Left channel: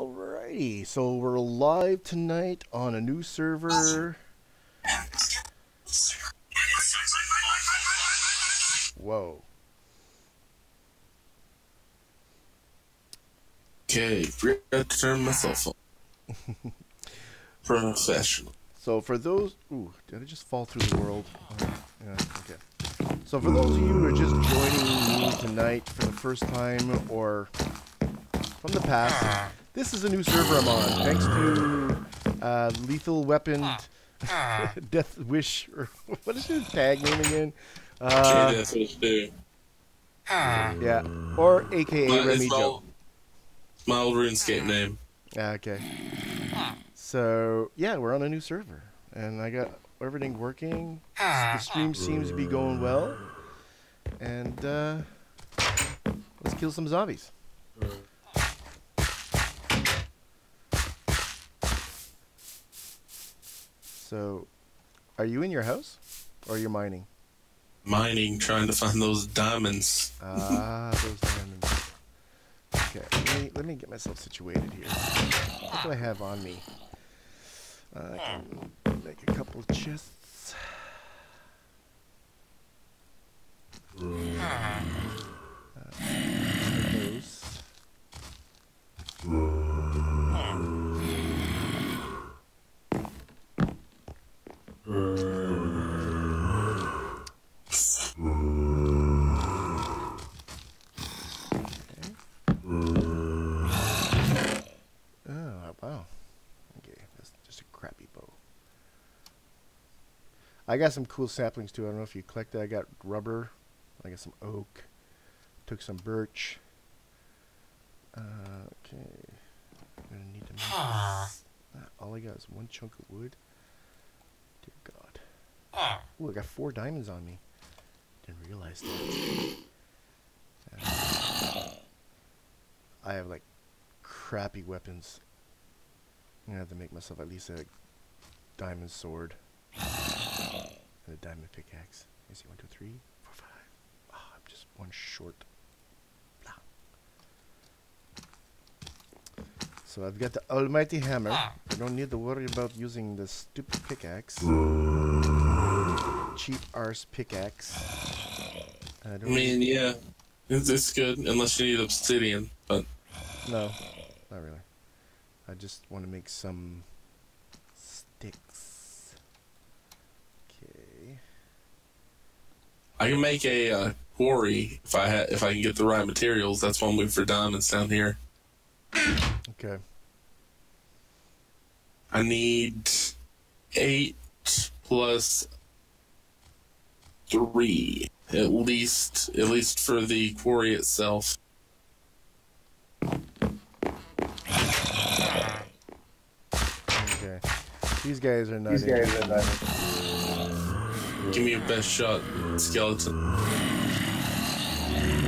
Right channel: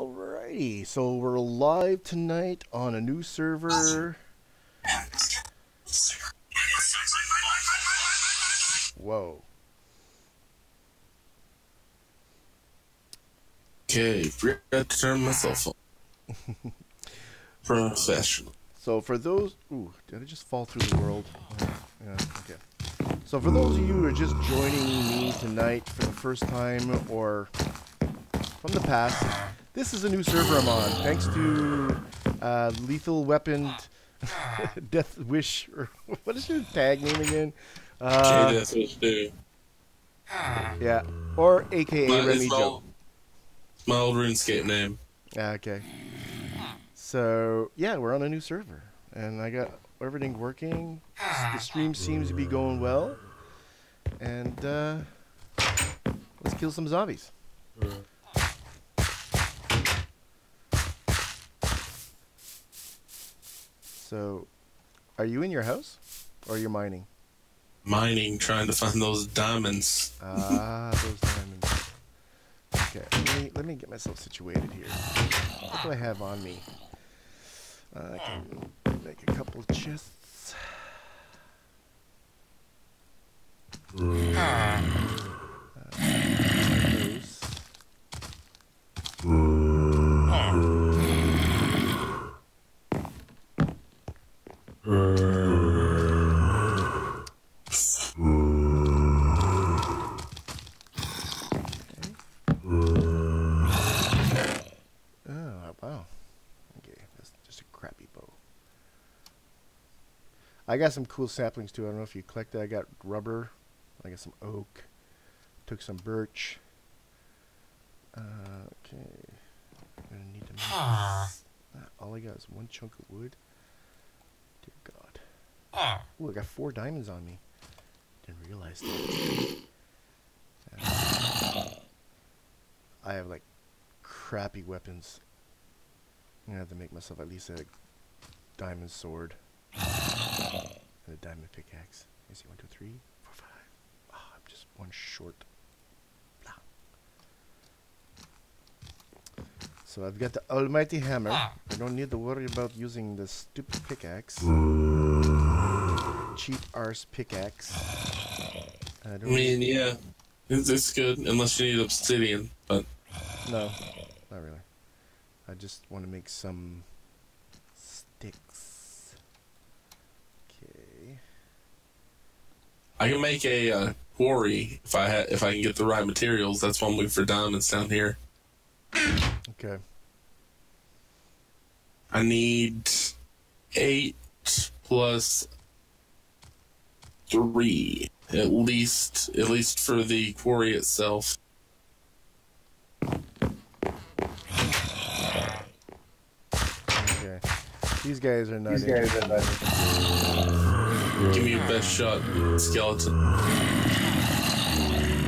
Alrighty, so we're live tonight on a new server. Whoa. Okay, forgot to turn myself on. Professional. So for those... Ooh, did I just fall through the world? Yeah, okay. So for those of you who are just joining me tonight for the first time or from the past, this is a new server I'm on, thanks to Lethal Weapon Death Wish, or what is your tag name again? Death Wish, dude. Yeah, or AKA Remy Joe. My old RuneScape name. Okay. So, yeah, we're on a new server, and I got everything working. The stream seems to be going well, and let's kill some zombies. So, are you in your house, or are you mining? Mining, trying to find those diamonds. Ah, those diamonds. Okay, let me get myself situated here. What do I have on me? I can make a couple of chests. Those. Wow. Okay, that's just a crappy bow. I got some cool saplings too. I don't know if you collected. I got rubber. I got some oak. Took some birch. Okay. I'm gonna need to make this. All I got is one chunk of wood. Dear God. Ooh, I got 4 diamonds on me. Didn't realize that. I have like crappy weapons. I'm gonna have to make myself at least a diamond sword and a diamond pickaxe. Let me see, 1, 2, 3, 4, 5. Oh, I'm just one short. So I've got the almighty hammer. I don't need to worry about using the stupid pickaxe. Cheap arse pickaxe. I mean, yeah, it's good unless you need obsidian, but no, not really. I just want to make some sticks. Okay. I can make a quarry if I can get the right materials. That's one move for diamonds down here. Okay. I need 8 plus 3 at least for the quarry itself. Okay. These guys are not Give me your best shot, skeleton.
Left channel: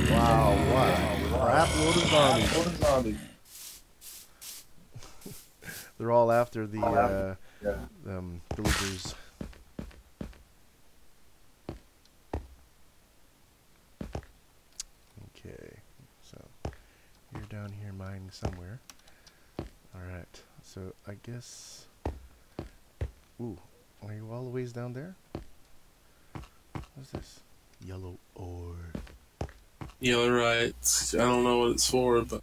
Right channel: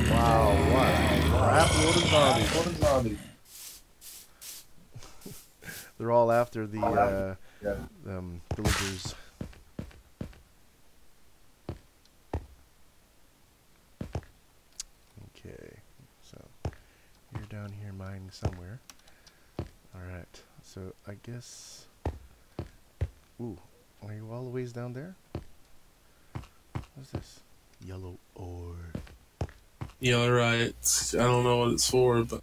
Wow, what a crap load of zombies. They're all after the villagers. Okay, so you're down here mining somewhere. Alright, so I guess... Ooh, are you all the ways down there? What's this? Yellow ore. Yeah, right. I don't know what it's for, but...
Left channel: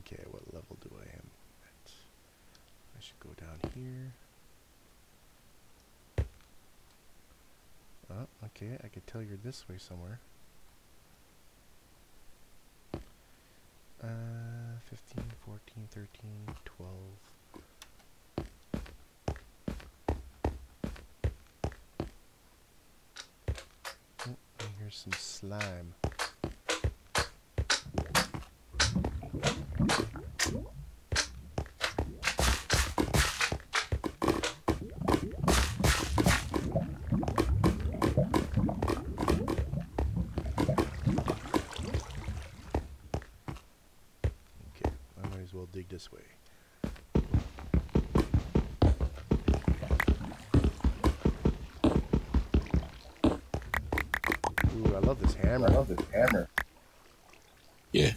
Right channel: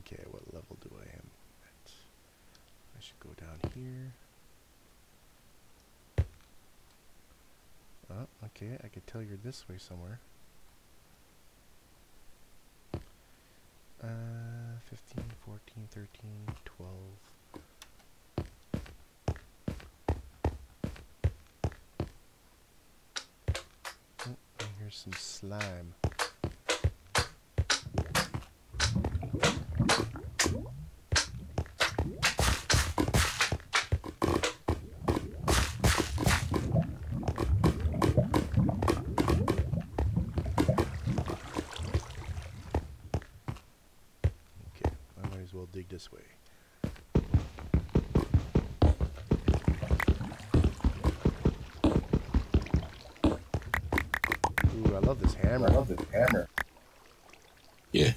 Okay, what level do I am at? I should go down here. Oh, okay, I could tell you're this way somewhere. 15, 14, 13, 12. Oh, and here's some slime. We'll dig this way. Ooh, I love this hammer. Yeah.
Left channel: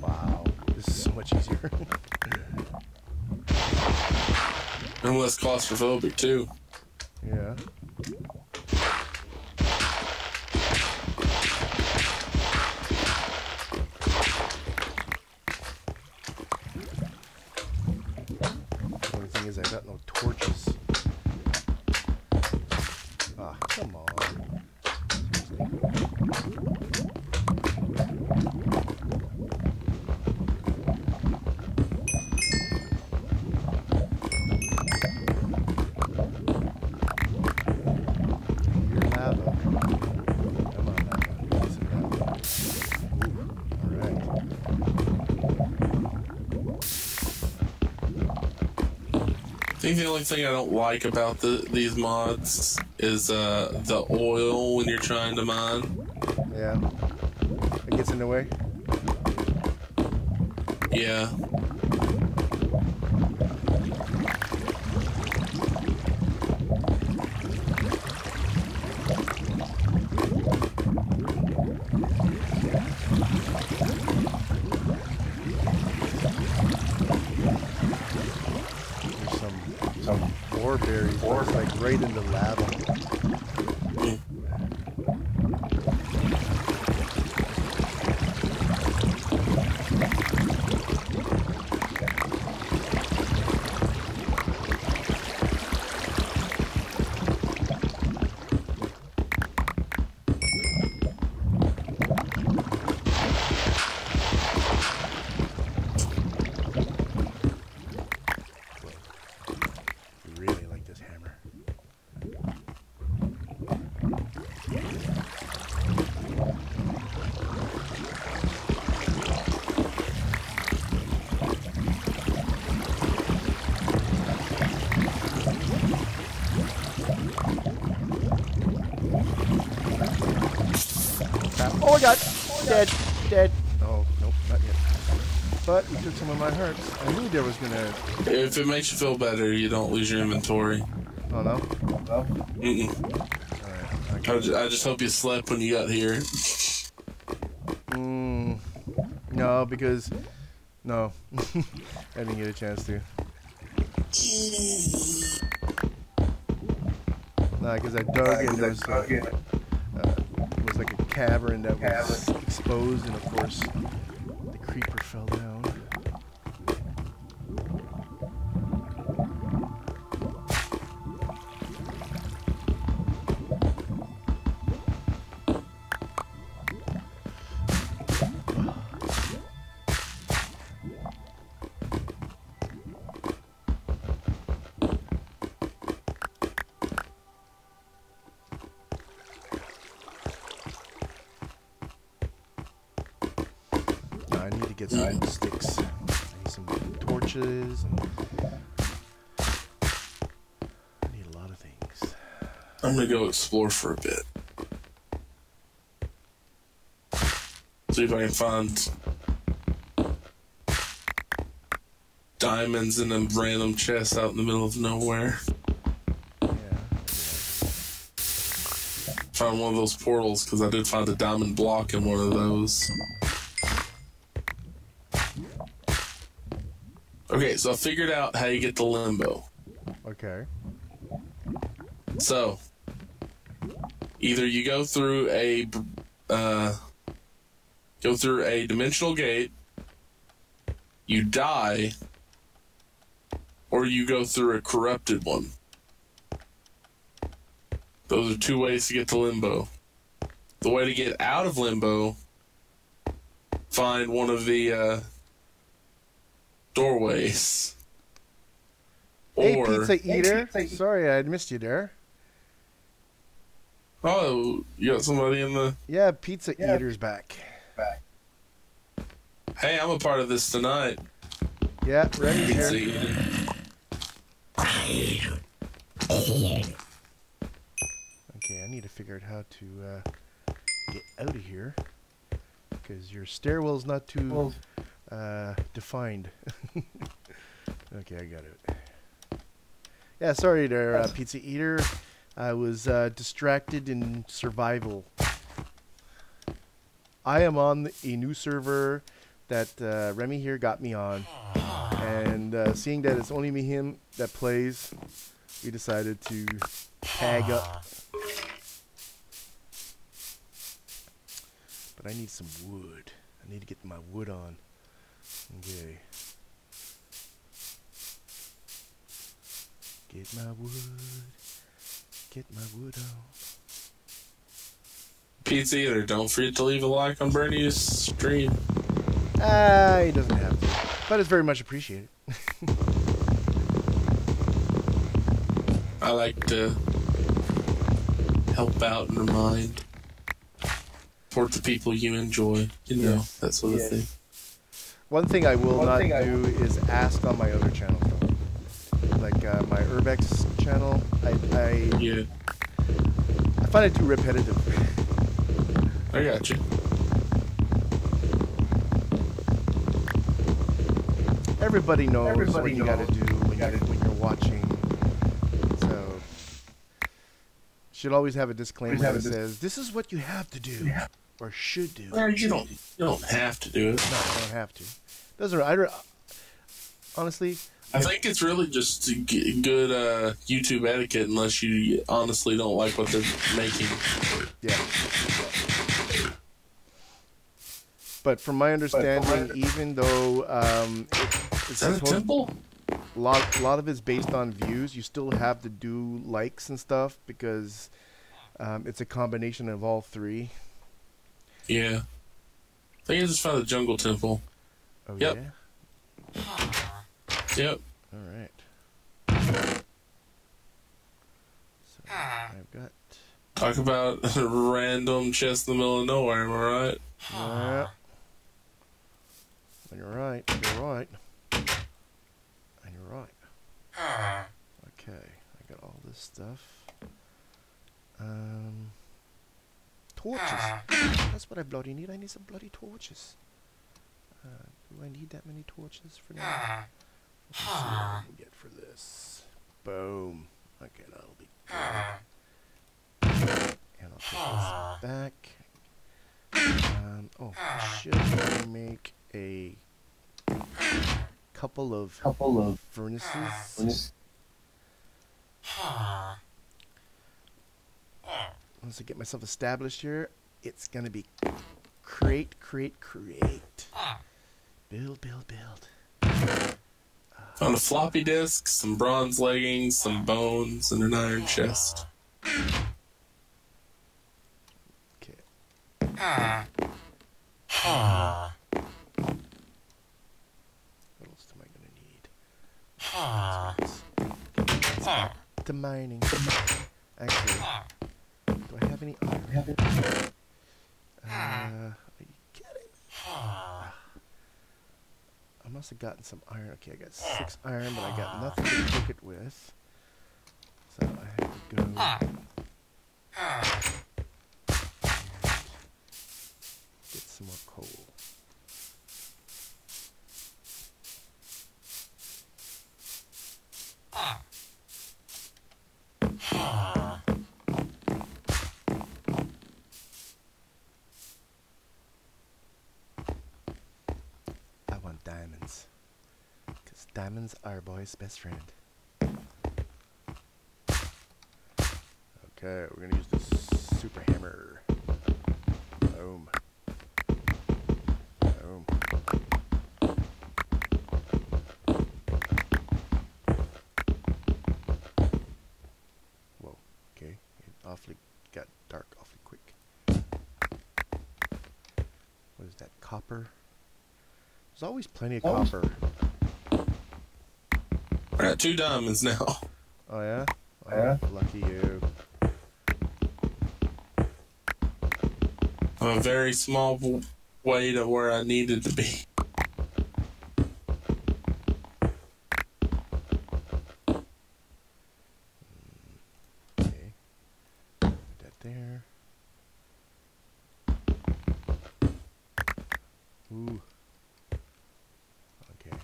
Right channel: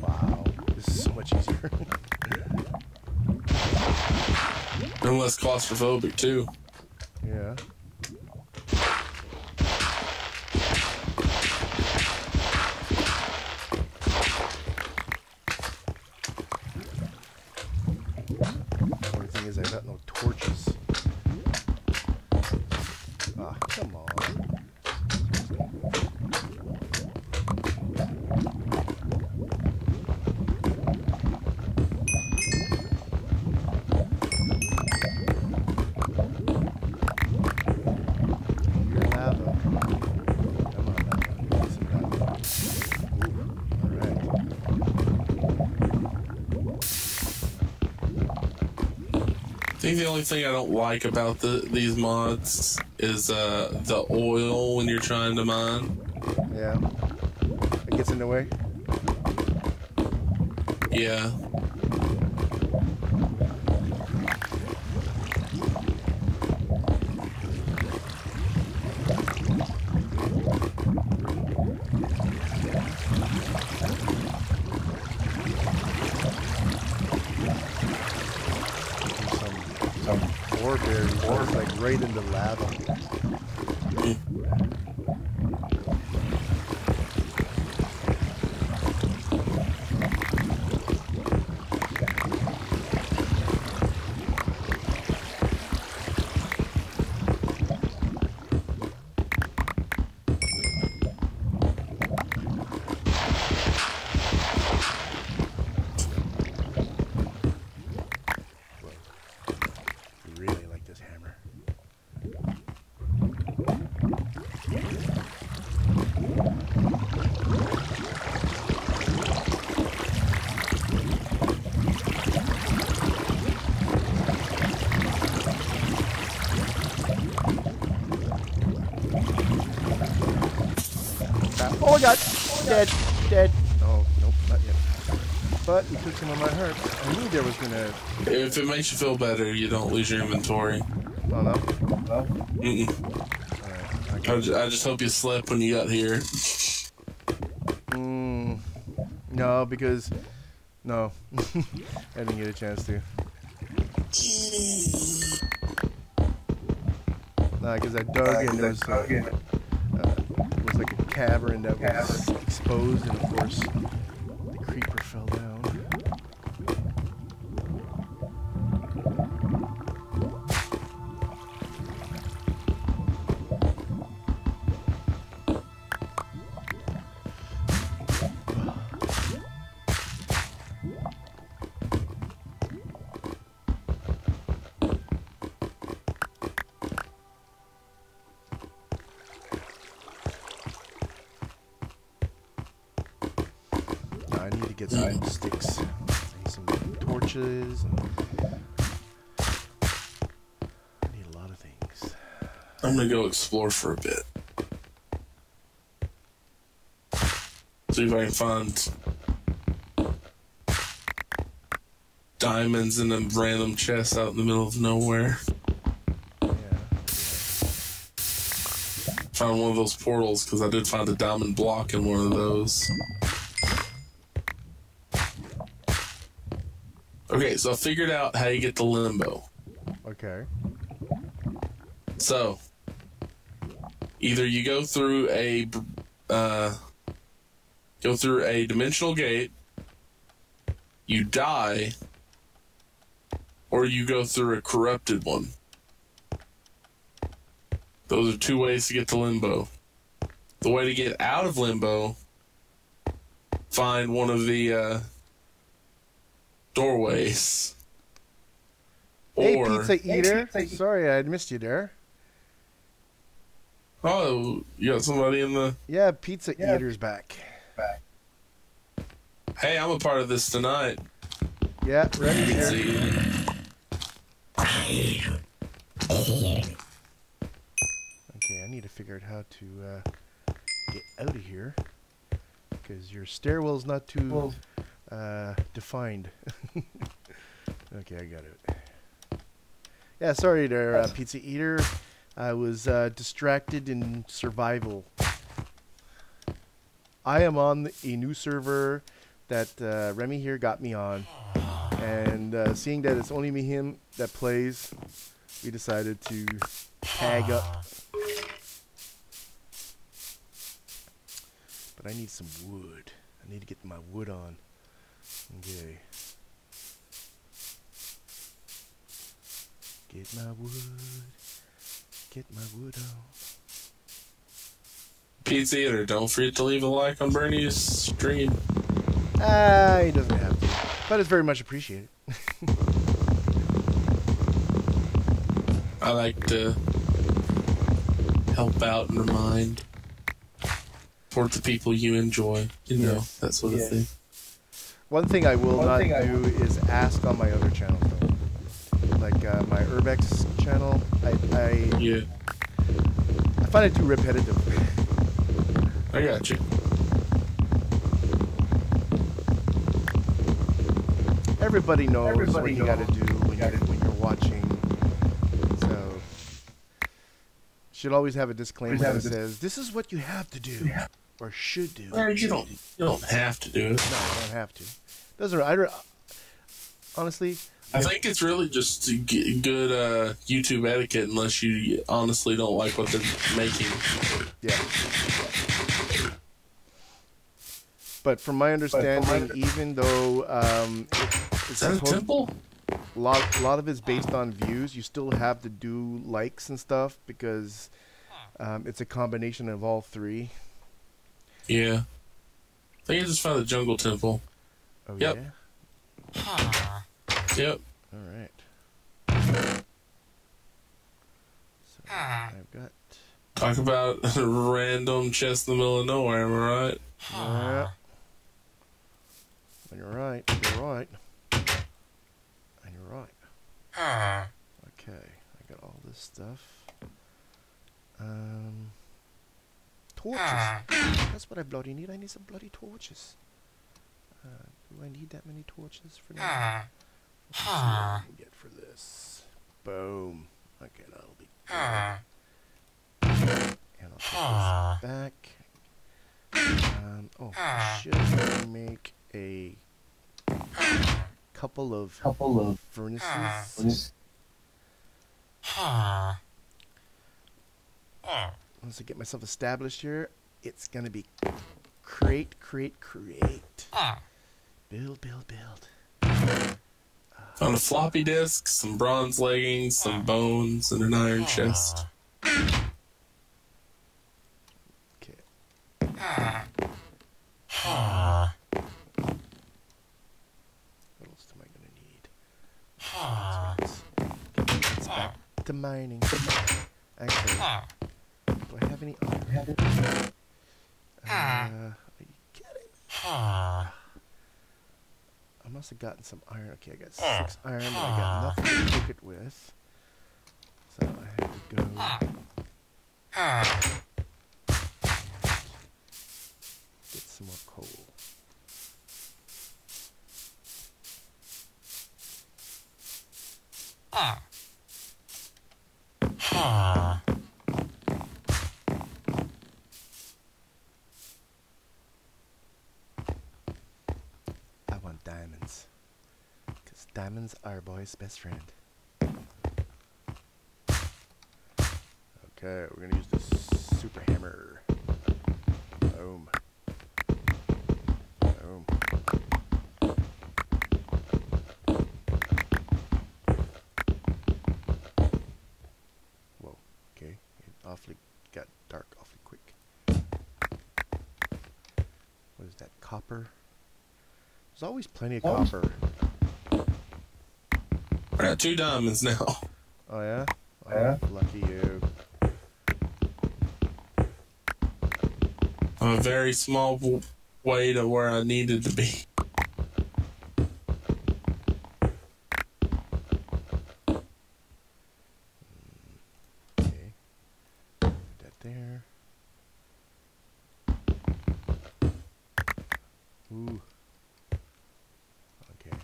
Wow, this is so much easier. And less claustrophobic, too. Yeah. The only thing is I got no torches. Ah, come on. Your lava. Come on, lava. Give me some lava. Ooh, alright. I think the only thing I don't like about these mods is the oil when you're trying to mine. Yeah. It gets in the way. Yeah. There's some ore berries. It's like right in the lava. Really like this hammer. Oh my god! Dead! Dead! Oh, nope, not yet. But he took some of my hearts. I knew there was gonna... If it makes you feel better, you don't lose your inventory. Oh no? Mm-mm. Alright. I just hope you slept when you got here. No, because... No. I didn't get a chance to. Nah, because I dug and there was like a cavern that was exposed, and of course the creeper fell down. I need to get some sticks. I need some torches, and I need a lot of things. I'm gonna go explore for a bit. See if I can find diamonds in a random chest out in the middle of nowhere. Yeah. Found one of those portals because I did find a diamond block in one of those. Okay, so I figured out how you get the limbo. Okay. So, either you go through a dimensional gate, you die, or you go through a corrupted one. Those are two ways to get to limbo. The way to get out of limbo, find one of the doorways. Hey, Pizza Eater. Sorry, I missed you there. Oh, you got somebody in the... Yeah, Pizza Eater's back. Hey, I'm a part of this tonight. Yeah, Remy's here. Okay, I need to figure out how to get out of here. Because your stairwell's not too defined. Okay, I got it. Yeah, sorry there, Pizza Eater. I was distracted in survival. I am on a new server that Remy here got me on. And seeing that it's only me him that plays, we decided to tag up. But I need some wood. I need to get my wood on. Okay. Get my wood. Get my wood on. Pizza Eater, don't forget to leave a like on Bernie's stream. He doesn't have to. But it's very much appreciated. I like to help out and remind. Support the people you enjoy. You know, that sort of thing. One thing I will not do is ask on my other channels, though. Like my URB-X channel, I find it too repetitive. I got you. Everybody knows what you got to do when you're watching. So, should always have a disclaimer that says this is what you have to do or should do. Well, you don't have to do it. No, I don't have to. Doesn't honestly. I think it's really just good YouTube etiquette unless you honestly don't like what they're making. Yeah. But from my understanding, even though it's a temple? A lot of it's based on views, you still have to do likes and stuff because it's a combination of all three. Yeah. I think I just found the jungle temple. Oh, yep. Yeah? Yep. All right. So I've got... Talk about a random chest in the middle of nowhere, am I right? Yeah. You're right. You're right. And you're right. Okay. I got all this stuff. Torches. That's what I bloody need. I need some bloody torches. Do I need that many torches for now? Let's see what I can get for this. Boom. Okay, that'll be good. And I'll put this back. I should make a couple of furnaces. Once I get myself established here, it's gonna be create. Build. Found a floppy disk, some bronze leggings, some bones, and an iron chest. Okay. What else am I gonna need? Let's back to mining. Actually, do I have any iron? Are you kidding me? I must have gotten some iron. Okay, I got 6 iron, but I got nothing to cook it with. So I have to go get some more coal. I want diamonds. Because diamonds are a boy's best friend. Okay, we're going to use this super hammer. Boom. Boom. Whoa, okay. It awfully got dark awfully quick. What is that, copper? There's always plenty of copper. I got 2 diamonds now. Oh yeah? Oh, yeah? Lucky you. I'm a very small way to where I needed to be. there. Ooh. Okay.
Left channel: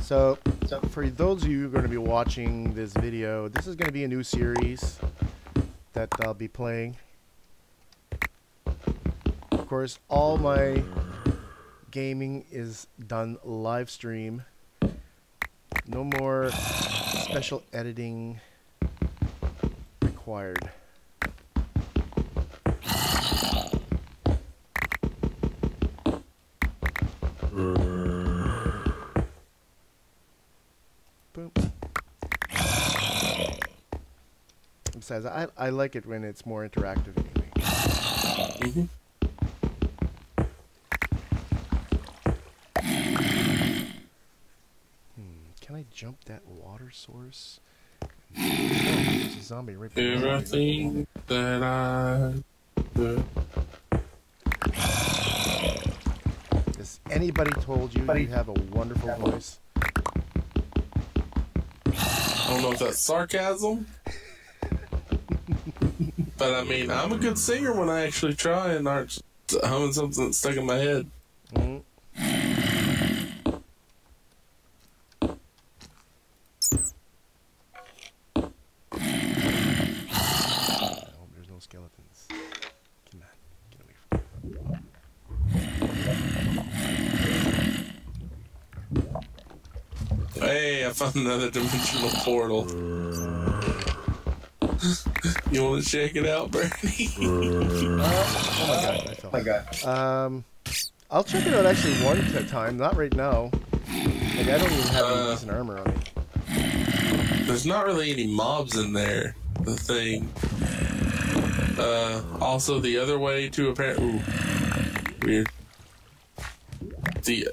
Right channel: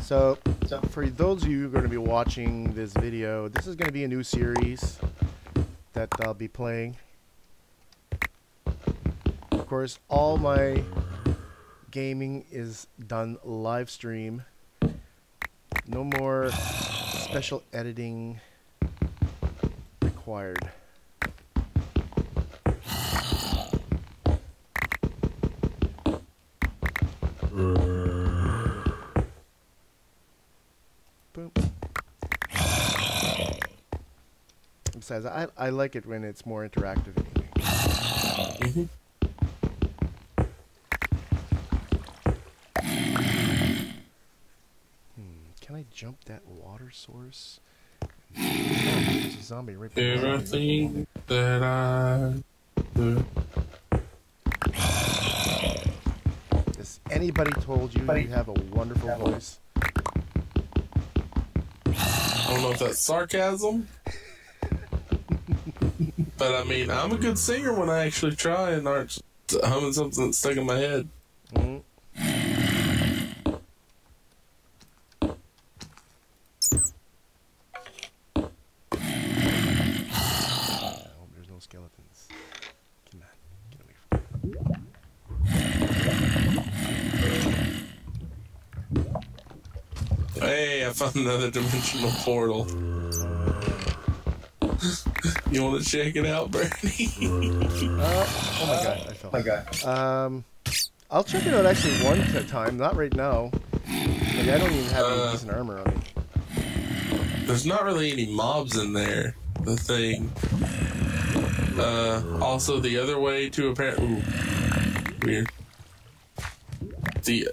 So for those of you who are going to be watching this video, this is going to be a new series that I'll be playing. Of course, all my gaming is done live stream. No more special editing required. Boom. Besides, I like it when it's more interactive anyway. Mm-hmm. Can I jump that water source? Oh, there's a zombie right behind me. Everything that I do. Has anybody told you you have a wonderful voice? I don't know if that's sarcasm. But I mean, I'm a good singer when I actually try and aren't humming something that's stuck in my head. Mm. I hope there's no skeletons. Come on, get away from me. Hey, I found another dimensional portal. You want to check it out, Bernie? Oh my god, I fell. I'll check it out actually one time, not right now. Like, I don't even have any decent armor on me. There's not really any mobs in there. The thing. Also, the other way to apparently. Ooh, weird. The.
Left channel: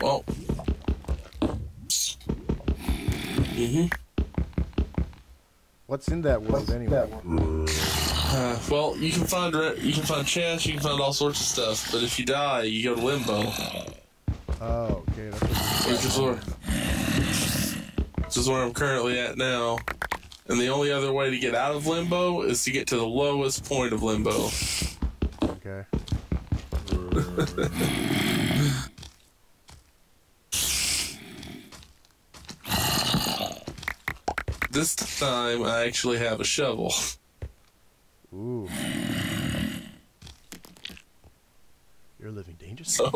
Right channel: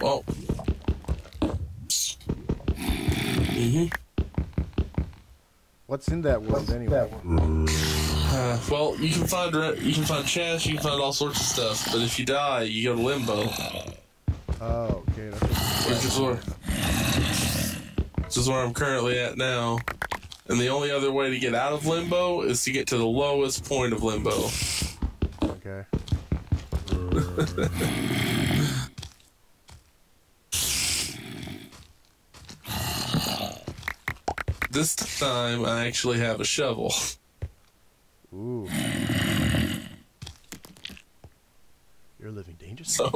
Well. What's in that world anyway? Well, you can find chests, you can find all sorts of stuff, but if you die, you go to limbo. Oh, okay, that's what. Which is where I'm currently at now. And the only other way to get out of limbo is to get to the lowest point of limbo. Okay. This time, I actually have a shovel. Ooh. You're living dangerously.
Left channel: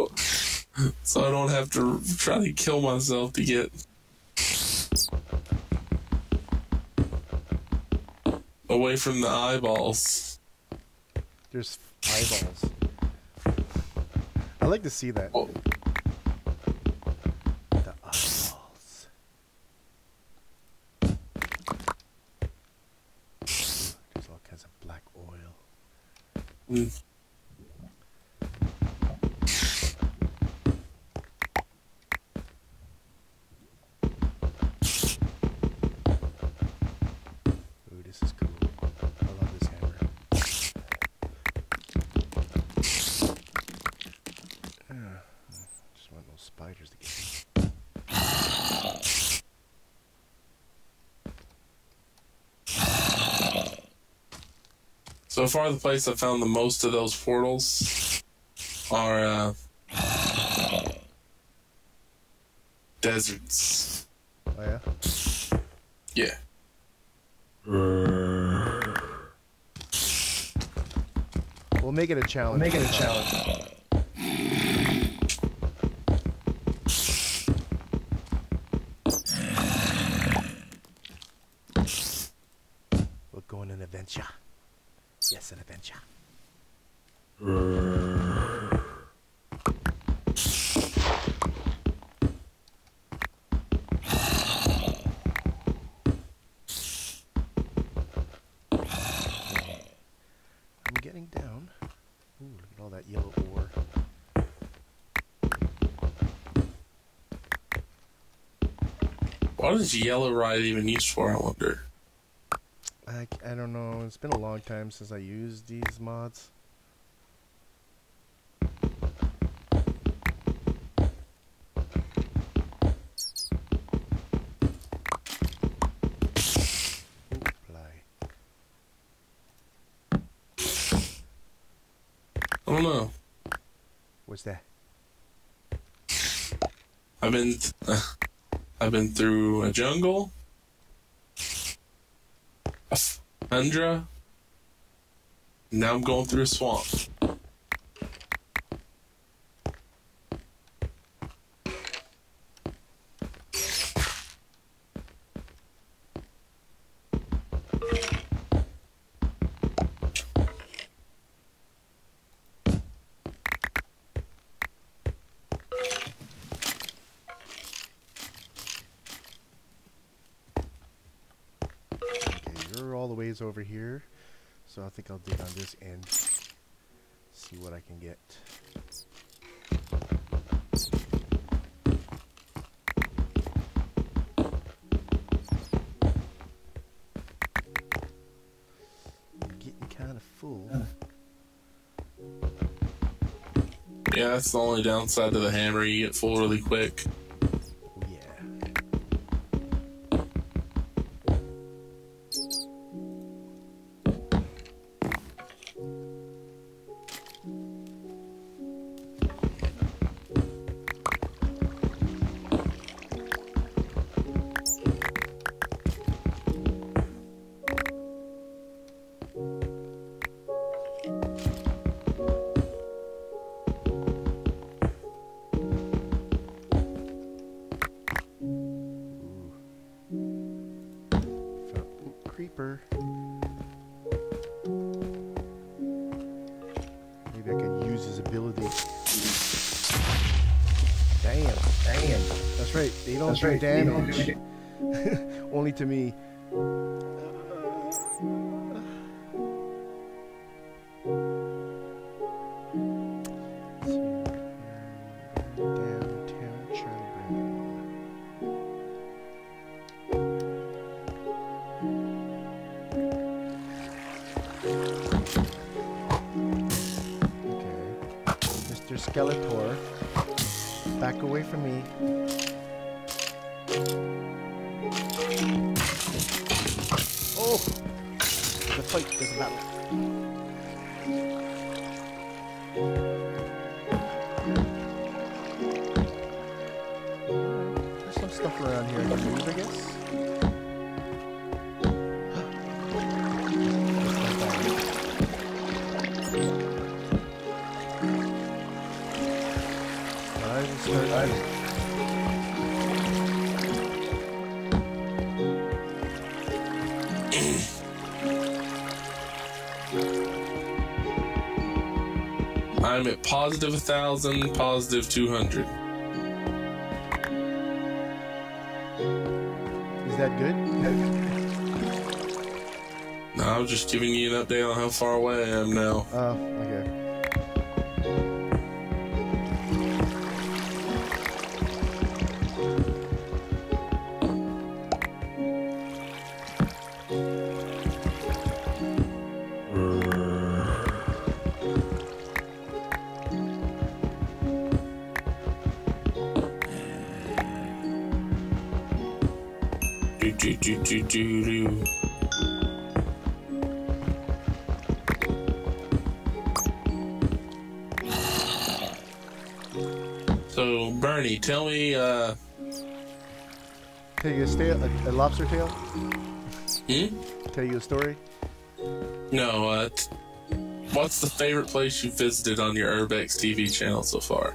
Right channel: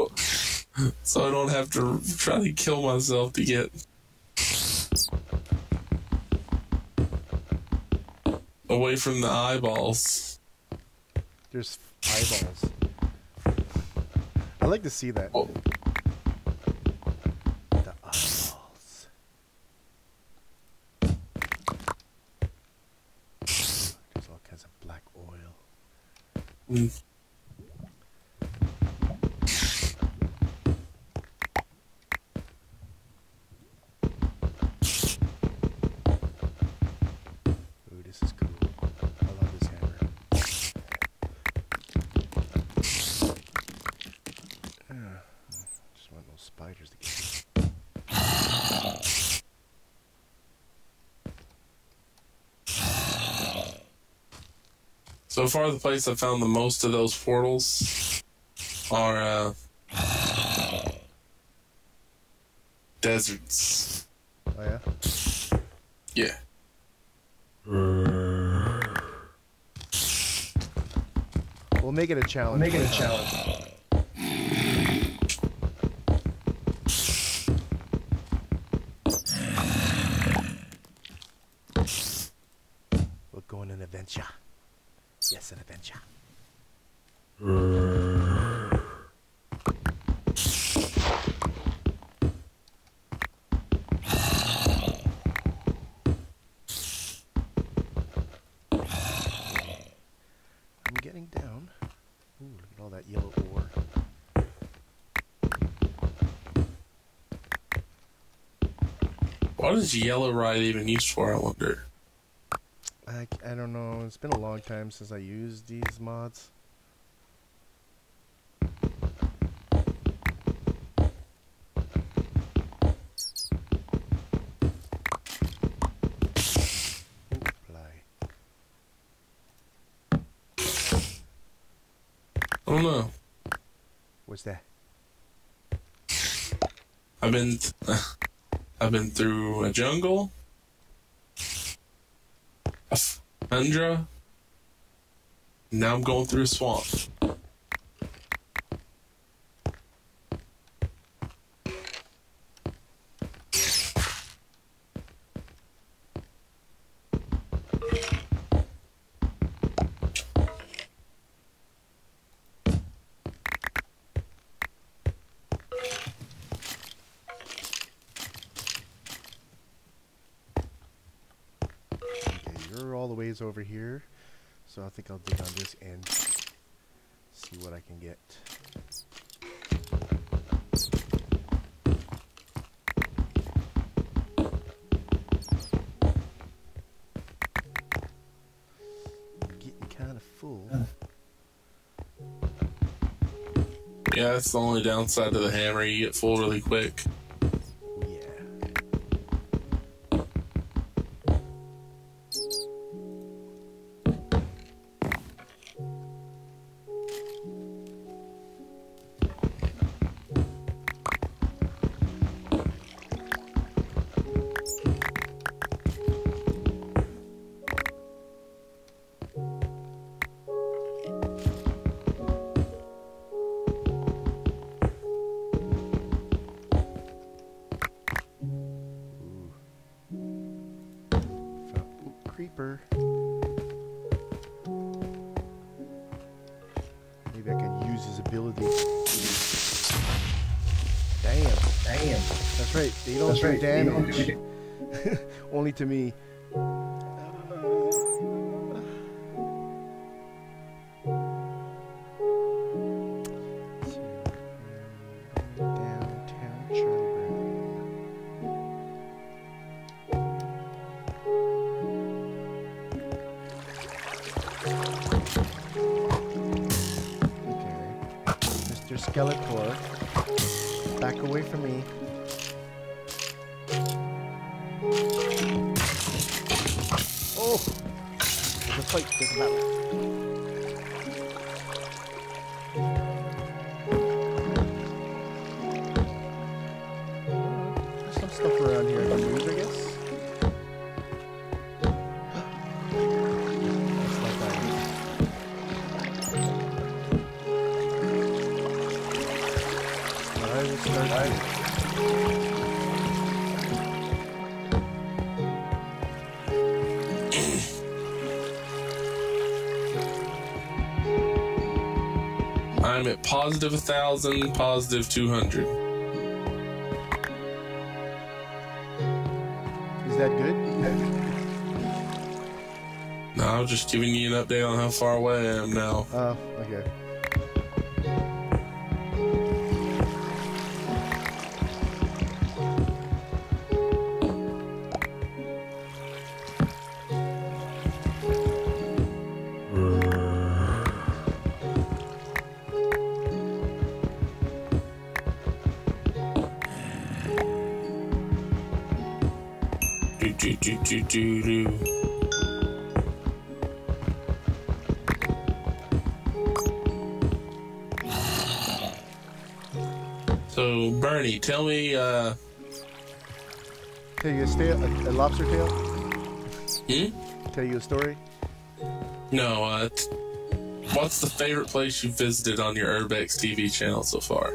So I don't have to try to kill myself to get away from the eyeballs. There's eyeballs. I like to see that. Oh. The eyeballs. Ooh, there's all kinds of black oil. Mm. Ooh, this is cool. I love this hammer. Just want those spiders to get me. So far, the place I found the most of those portals are deserts. Oh yeah? Yeah. We'll make it a challenge. Make it a challenge. We'll go on an adventure. Yes, an adventure. I'm getting down. Ooh, look at all that yellow ore. What is yellow ride even used for, I wonder? I don't know. It's been a long time since I used these mods. don't know. What's that? I've been through a jungle, a tundra. Now I'm going through a swamp. You're all the ways over here, so I think I'll dig on this end, see what I can get. I'm getting kind of full. Yeah, that's the only downside to the hammer. You get full really quick. Yeah. Creeper. Maybe I can use his ability. Damn. That's right. They don't do damage. Only to me. Downtown Charlie Brown. Mr. Skeletor, back away from me. Oh! There's a fight, there's a battle. There's some stuff around here I can use, I guess. I will start here. I'm at positive 1,000, positive 200. Is that good? No, I'm just giving you an update on how far away I am now. Oh, okay. So, Bernie, tell me, Tell you a lobster tail? Tell you a story? No, what's the favorite place you visited on your URB-X-TV channel so far?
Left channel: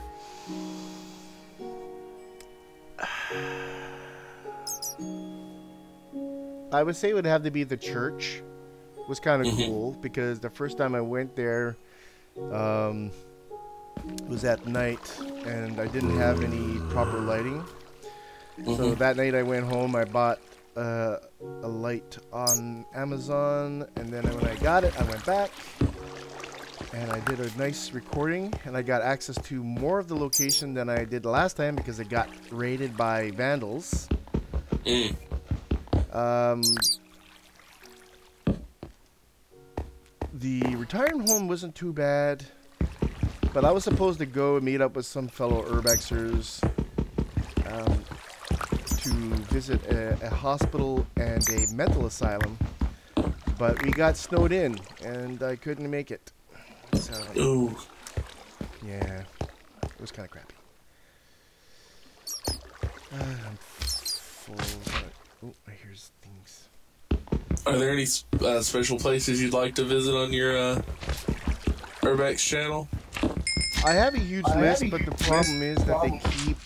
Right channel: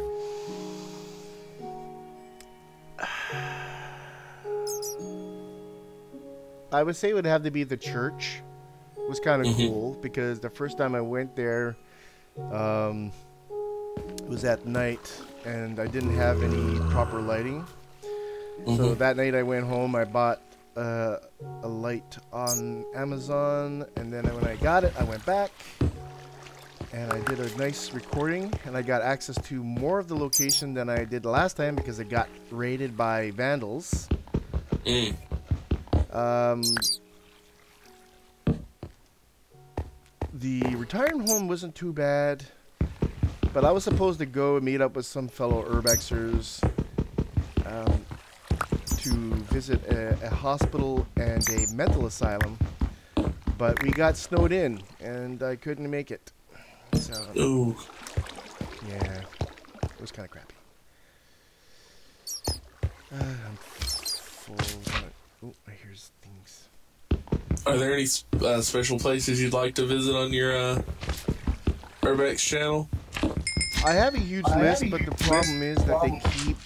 I would say it would have to be the church. It was kind of cool because the first time I went there, it was at night and I didn't have any proper lighting. So that night I went home, I bought a light on Amazon, and then when I got it, I went back and I did a nice recording, and I got access to more of the location than I did last time because it got raided by vandals. The retirement home wasn't too bad, but I was supposed to go and meet up with some fellow urbexers to visit a hospital and a mental asylum, but we got snowed in and I couldn't make it. So, Yeah, it was kind of crappy. I'm full. Oh, I hear things. Are there any special places you'd like to visit on your URB-X channel? I have a huge list, but the problem is that they keep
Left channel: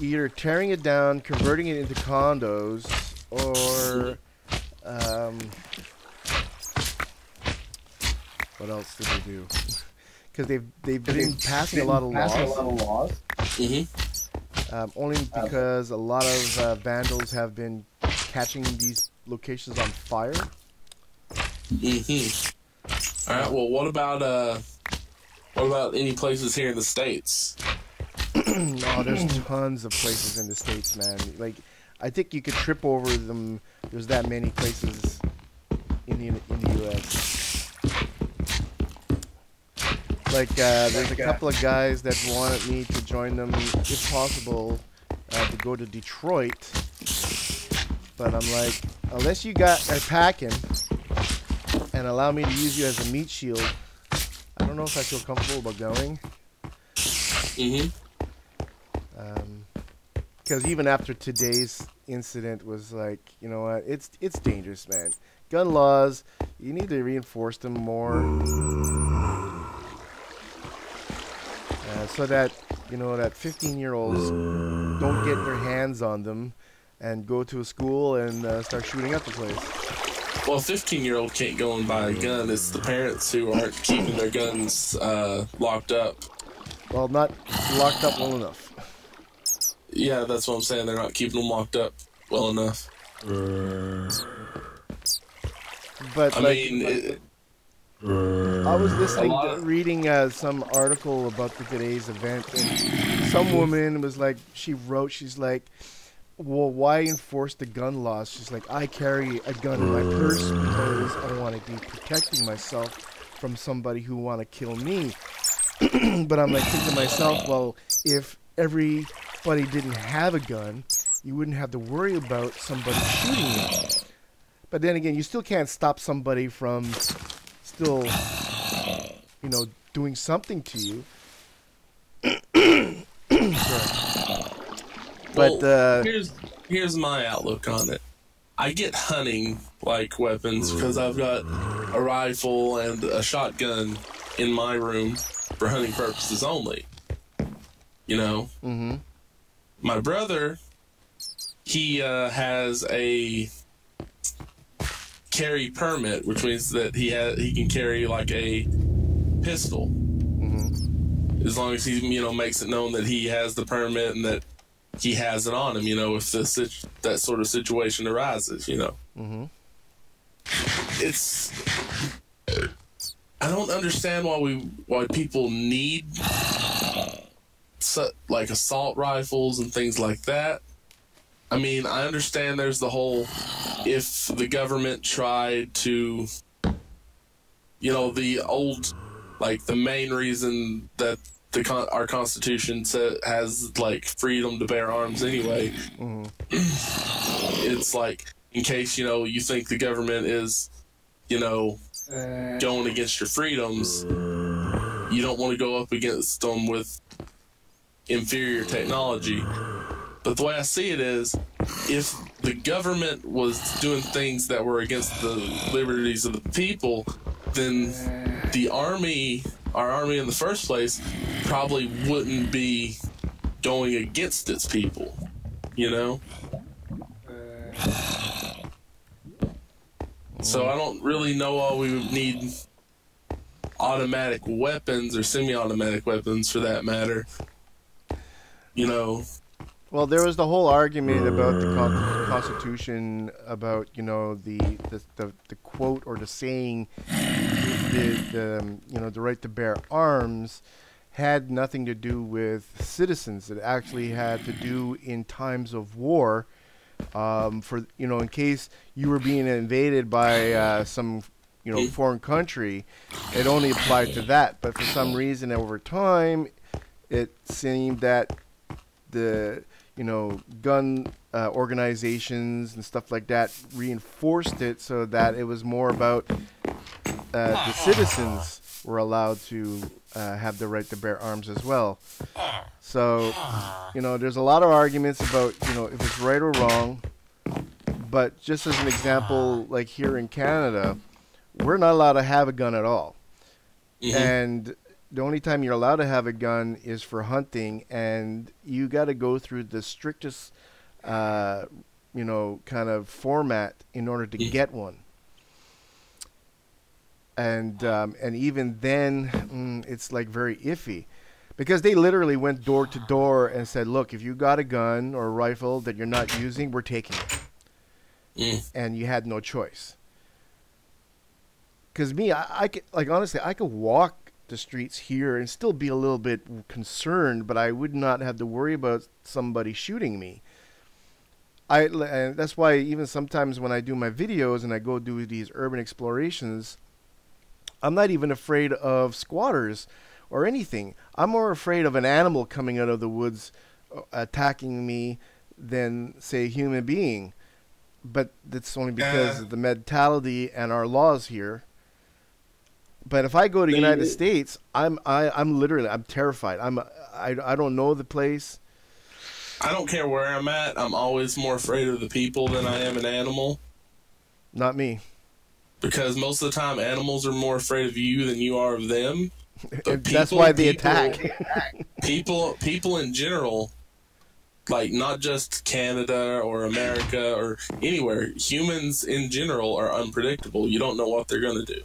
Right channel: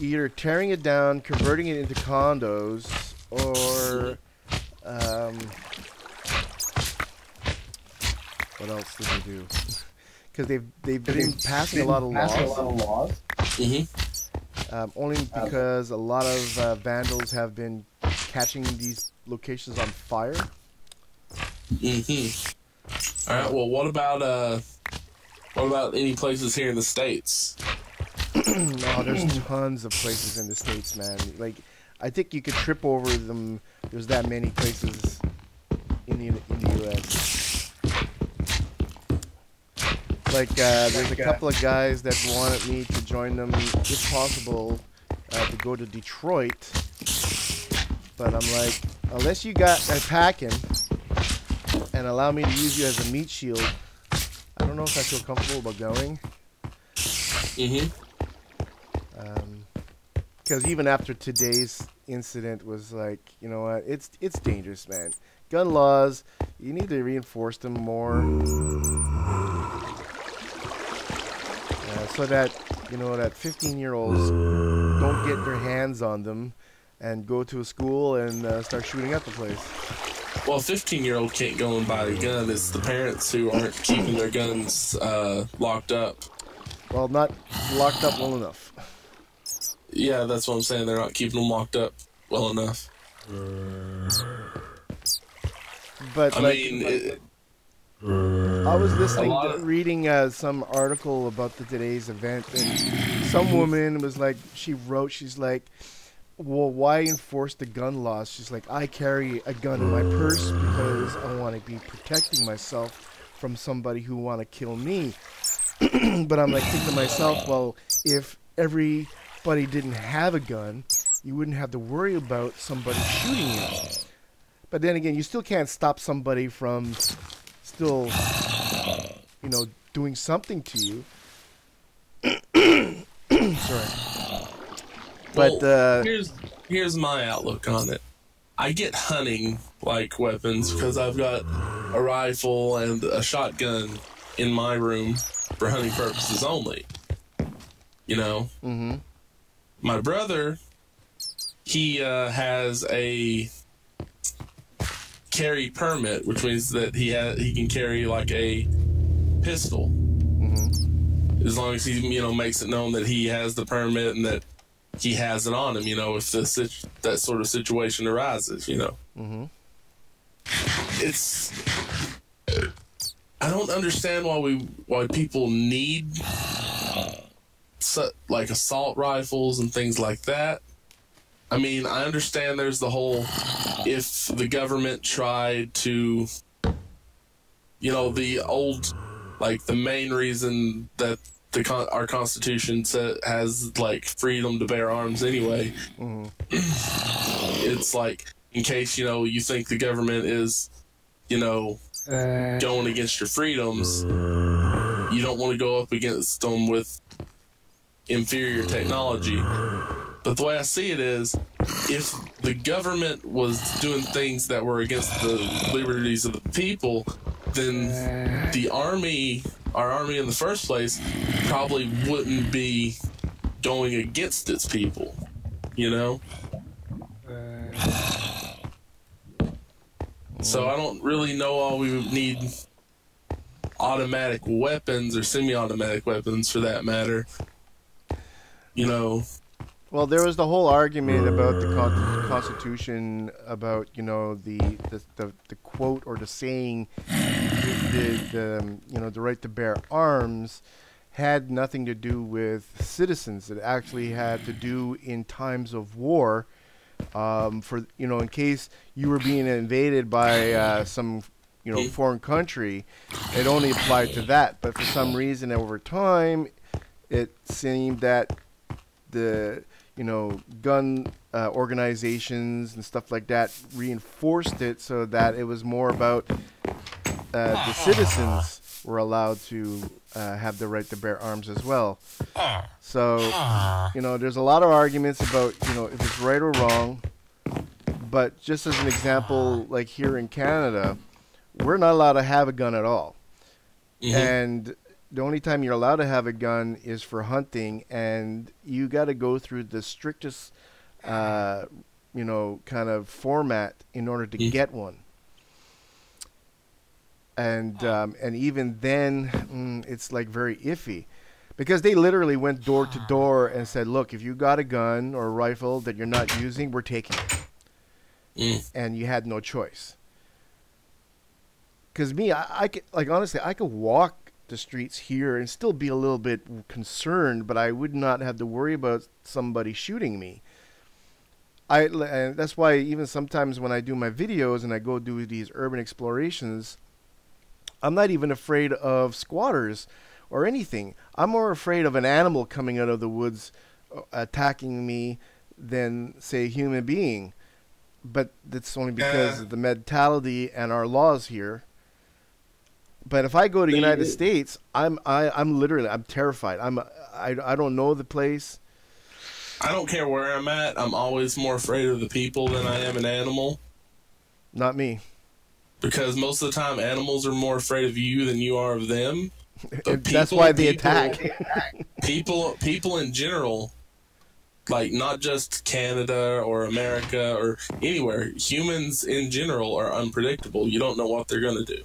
either tearing it down, converting it into condos, or what else do they do? Because they've been passing a lot of laws. Only because a lot of vandals have been catching these locations on fire. All right. Well, what about any places here in the States? Oh, there's tons of places in the States, man. Like, I think you could trip over them. There's that many places in the U.S. Like, there's a couple of guys that wanted me to join them, if possible, to go to Detroit. But I'm like, unless you got a packing and allow me to use you as a meat shield, I don't know if I feel comfortable about going. Because even after today's incident was like, you know what, it's dangerous, man. Gun laws, you need to reinforce them more. So that, you know, that 15-year-olds don't get their hands on them and go to a school and start shooting up the place. Well, a 15-year-old can't go and buy a gun. It's the parents who aren't keeping their guns locked up. Well, not locked up well enough. Yeah, that's what I'm saying. They're not keeping them locked up well enough. But, I mean... I was reading some article about today's event, and some woman was like, she's like, well, why enforce the gun laws? She's like, I carry a gun in my purse because I want to be protecting myself from somebody who want to kill me. But I'm like thinking to myself, well, if everybody didn't have a gun, you wouldn't have to worry about somebody shooting you. But then again, you still can't stop somebody from still, you know, doing something to you. Sorry. But well, here's my outlook on it. I get hunting like weapons because I've got a rifle and a shotgun in my room for hunting purposes only. You know. My brother, he has a carry permit, which means that he can carry like a pistol, as long as he, you know, makes it known that he has the permit and that he has it on him. You know, if that sort of situation arises, you know, it's. I don't understand why people need like assault rifles and things like that. I mean, I understand there's the whole, if the government tried to, you know, the old, like the main reason that our Constitution has like freedom to bear arms anyway. It's like, in case, you know, you think the government is, you know, going against your freedoms, you don't want to go up against them with inferior technology. But the way I see it is, if the government was doing things that were against the liberties of the people, then the army, our army in the first place, probably wouldn't be going against its people, you know? So I don't really know why we would need automatic weapons or semi-automatic weapons for that matter, you know? Well, there was the whole argument about the Constitution, about, you know, the quote or the saying, the you know, the right to bear arms had nothing to do with citizens. It actually had to do in times of war, for, you know, in case you were being invaded by some, you know, foreign country. It only applied to that. But for some reason, over time, it seemed that the, you know, gun organizations and stuff like that reinforced it so that it was more about the citizens were allowed to have the right to bear arms as well. So, you know, there's a lot of arguments about, you know, if it's right or wrong. But just as an example, like here in Canada, we're not allowed to have a gun at all. And the only time you're allowed to have a gun is for hunting, and you got to go through the strictest, you know, kind of format in order to get one. And even then, it's like very iffy, because they literally went door to door and said, look, if you got a gun or a rifle that you're not using, we're taking it. And you had no choice. Because me, I could, like, honestly, I could walk the streets here and still be a little bit concerned, but I would not have to worry about somebody shooting me. And that's why even sometimes when I do my videos and I go do these urban explorations, I'm not even afraid of squatters or anything. I'm more afraid of an animal coming out of the woods attacking me than, say, a human being. But that's only because of the mentality and our laws here. But if I go to the United States, I'm literally terrified. I don't know the place. I don't care where I'm at. I'm always more afraid of the people than I am an animal. Not me. Because most of the time, animals are more afraid of you than you are of them. That's why they attack. People in general, like not just Canada or America or anywhere, humans in general are unpredictable. You don't know what they're going to do.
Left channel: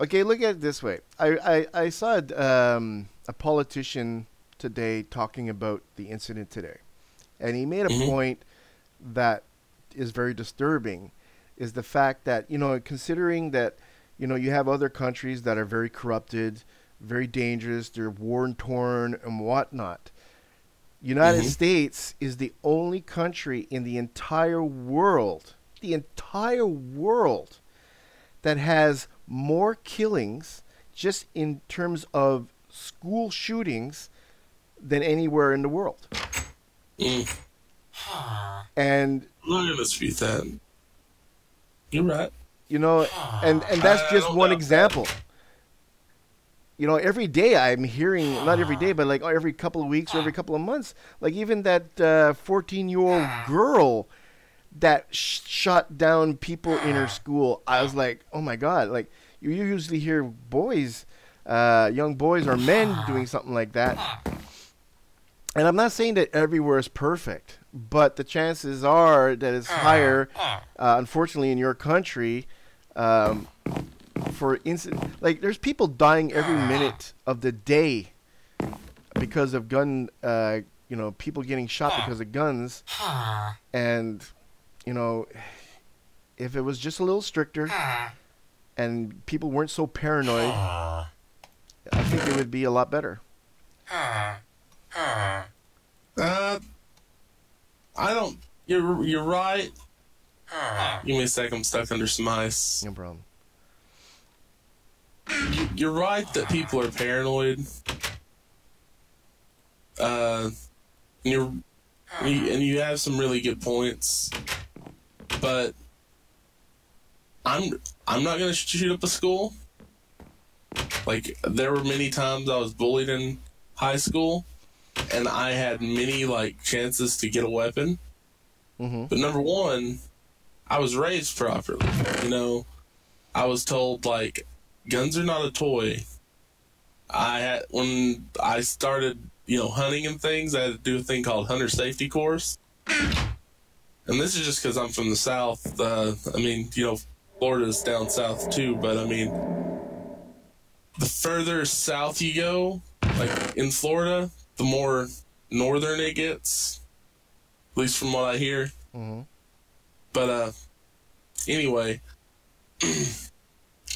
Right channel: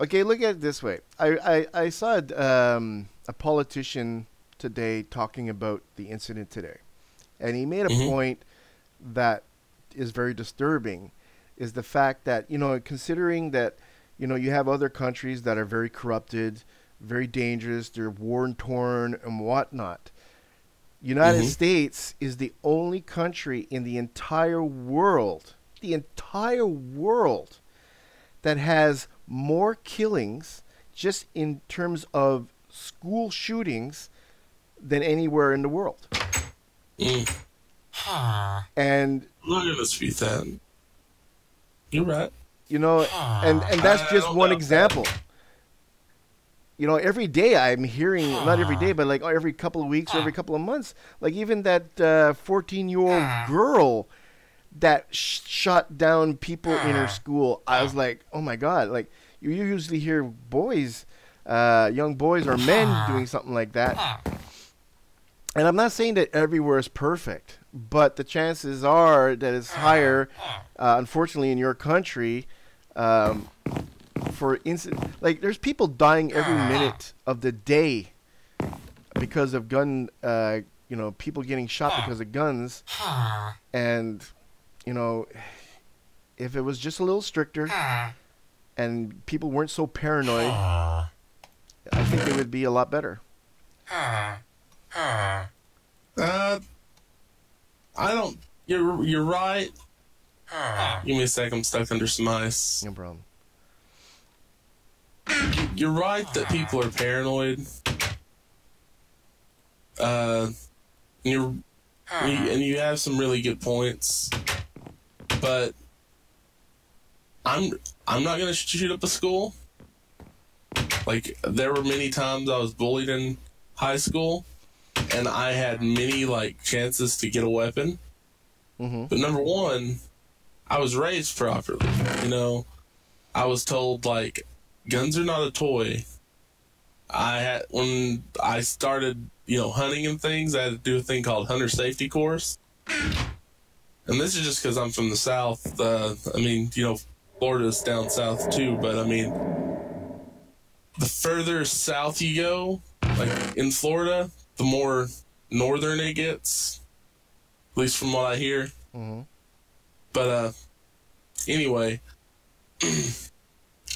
Okay, look at it this way. I saw a politician today talking about the incident today. And he made a point that is very disturbing, is the fact that, you know, considering that, you know, you have other countries that are very corrupted, very dangerous, they're war-torn and whatnot. United States is the only country in the entire world, that has more killings just in terms of school shootings than anywhere in the world. And I'm not going to dispute that. You're right. You know, and that's just one example. You know, every day I'm hearing, not every day, but like every couple of weeks or every couple of months, like even that 14-year-old girl that shot down people in her school. I was like, oh my God, like you usually hear boys, young boys or men doing something like that. And I'm not saying that everywhere is perfect, but the chances are that it's higher, unfortunately, in your country. For instance, like there's people dying every minute of the day because of gun, you know, people getting shot because of guns. And, you know, if it was just a little stricter and people weren't so paranoid, I think it would be a lot better. I don't. You're right. Give me a sec. I'm stuck under some ice. No problem. You're right that people are paranoid. And you have some really good points, but I'm not gonna shoot up a school. Like there were many times I was bullied in high school, and I had many like chances to get a weapon. But number one, I was raised properly. You know, I was told like guns are not a toy. When I started, you know, hunting and things, I had to do a thing called hunter safety course. And this is just because I'm from the South. I mean, you know, Florida's down south too, but I mean, the further south you go, like in Florida, the more northern it gets. At least from what I hear. But anyway,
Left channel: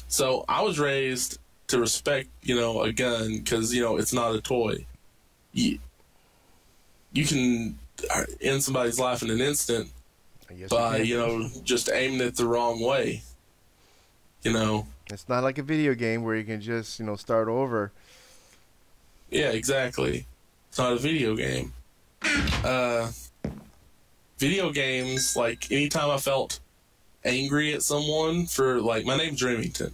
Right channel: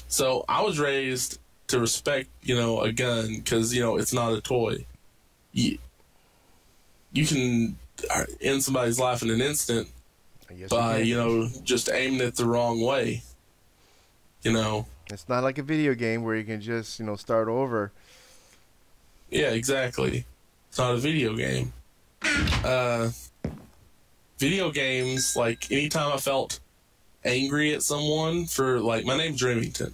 so I was raised to respect, you know, a gun because, you know, it's not a toy. You can end somebody's life in an instant by, you know, just aiming it the wrong way. You know, it's not like a video game where you can just, you know, start over. Yeah, exactly. It's not a video game. Video games, like, anytime I felt angry at someone for, like, my name's Remington.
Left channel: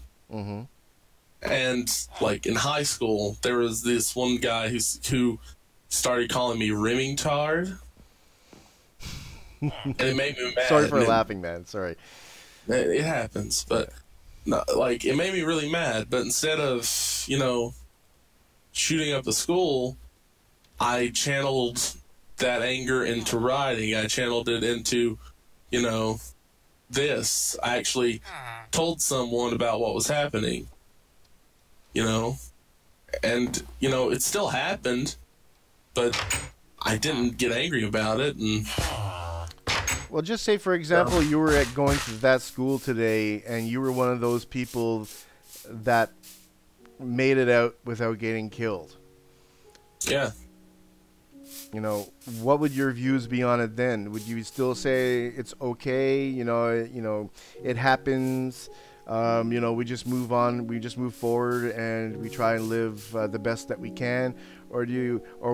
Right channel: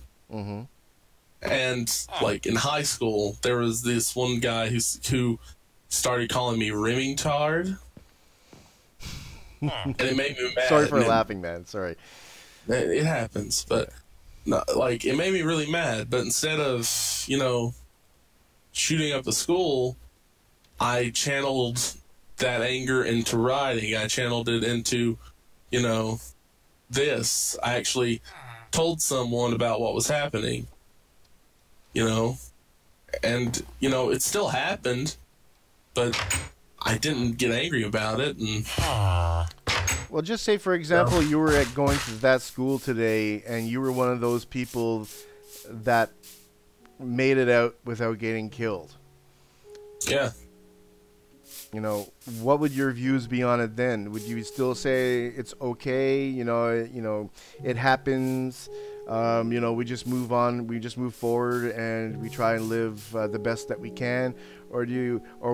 And like in high school, there was this one guy who started calling me Remingtard, and it made me mad. Sorry for laughing, man. Sorry. It happens, but like it made me really mad. But instead of, you know, shooting up the school, I channeled that anger into writing. I channeled it into, you know, this. I actually told someone about what was happening, you know, and, you know, it still happened, but I didn't get angry about it. And well, just say, for example, you were going to that school today, and you were one of those people that made it out without getting killed. Yeah. You know, what would your views be on it then? Would you still say it's okay? You know, it happens. You know, we just move on. We just move forward, and we try and live the best that we can. Or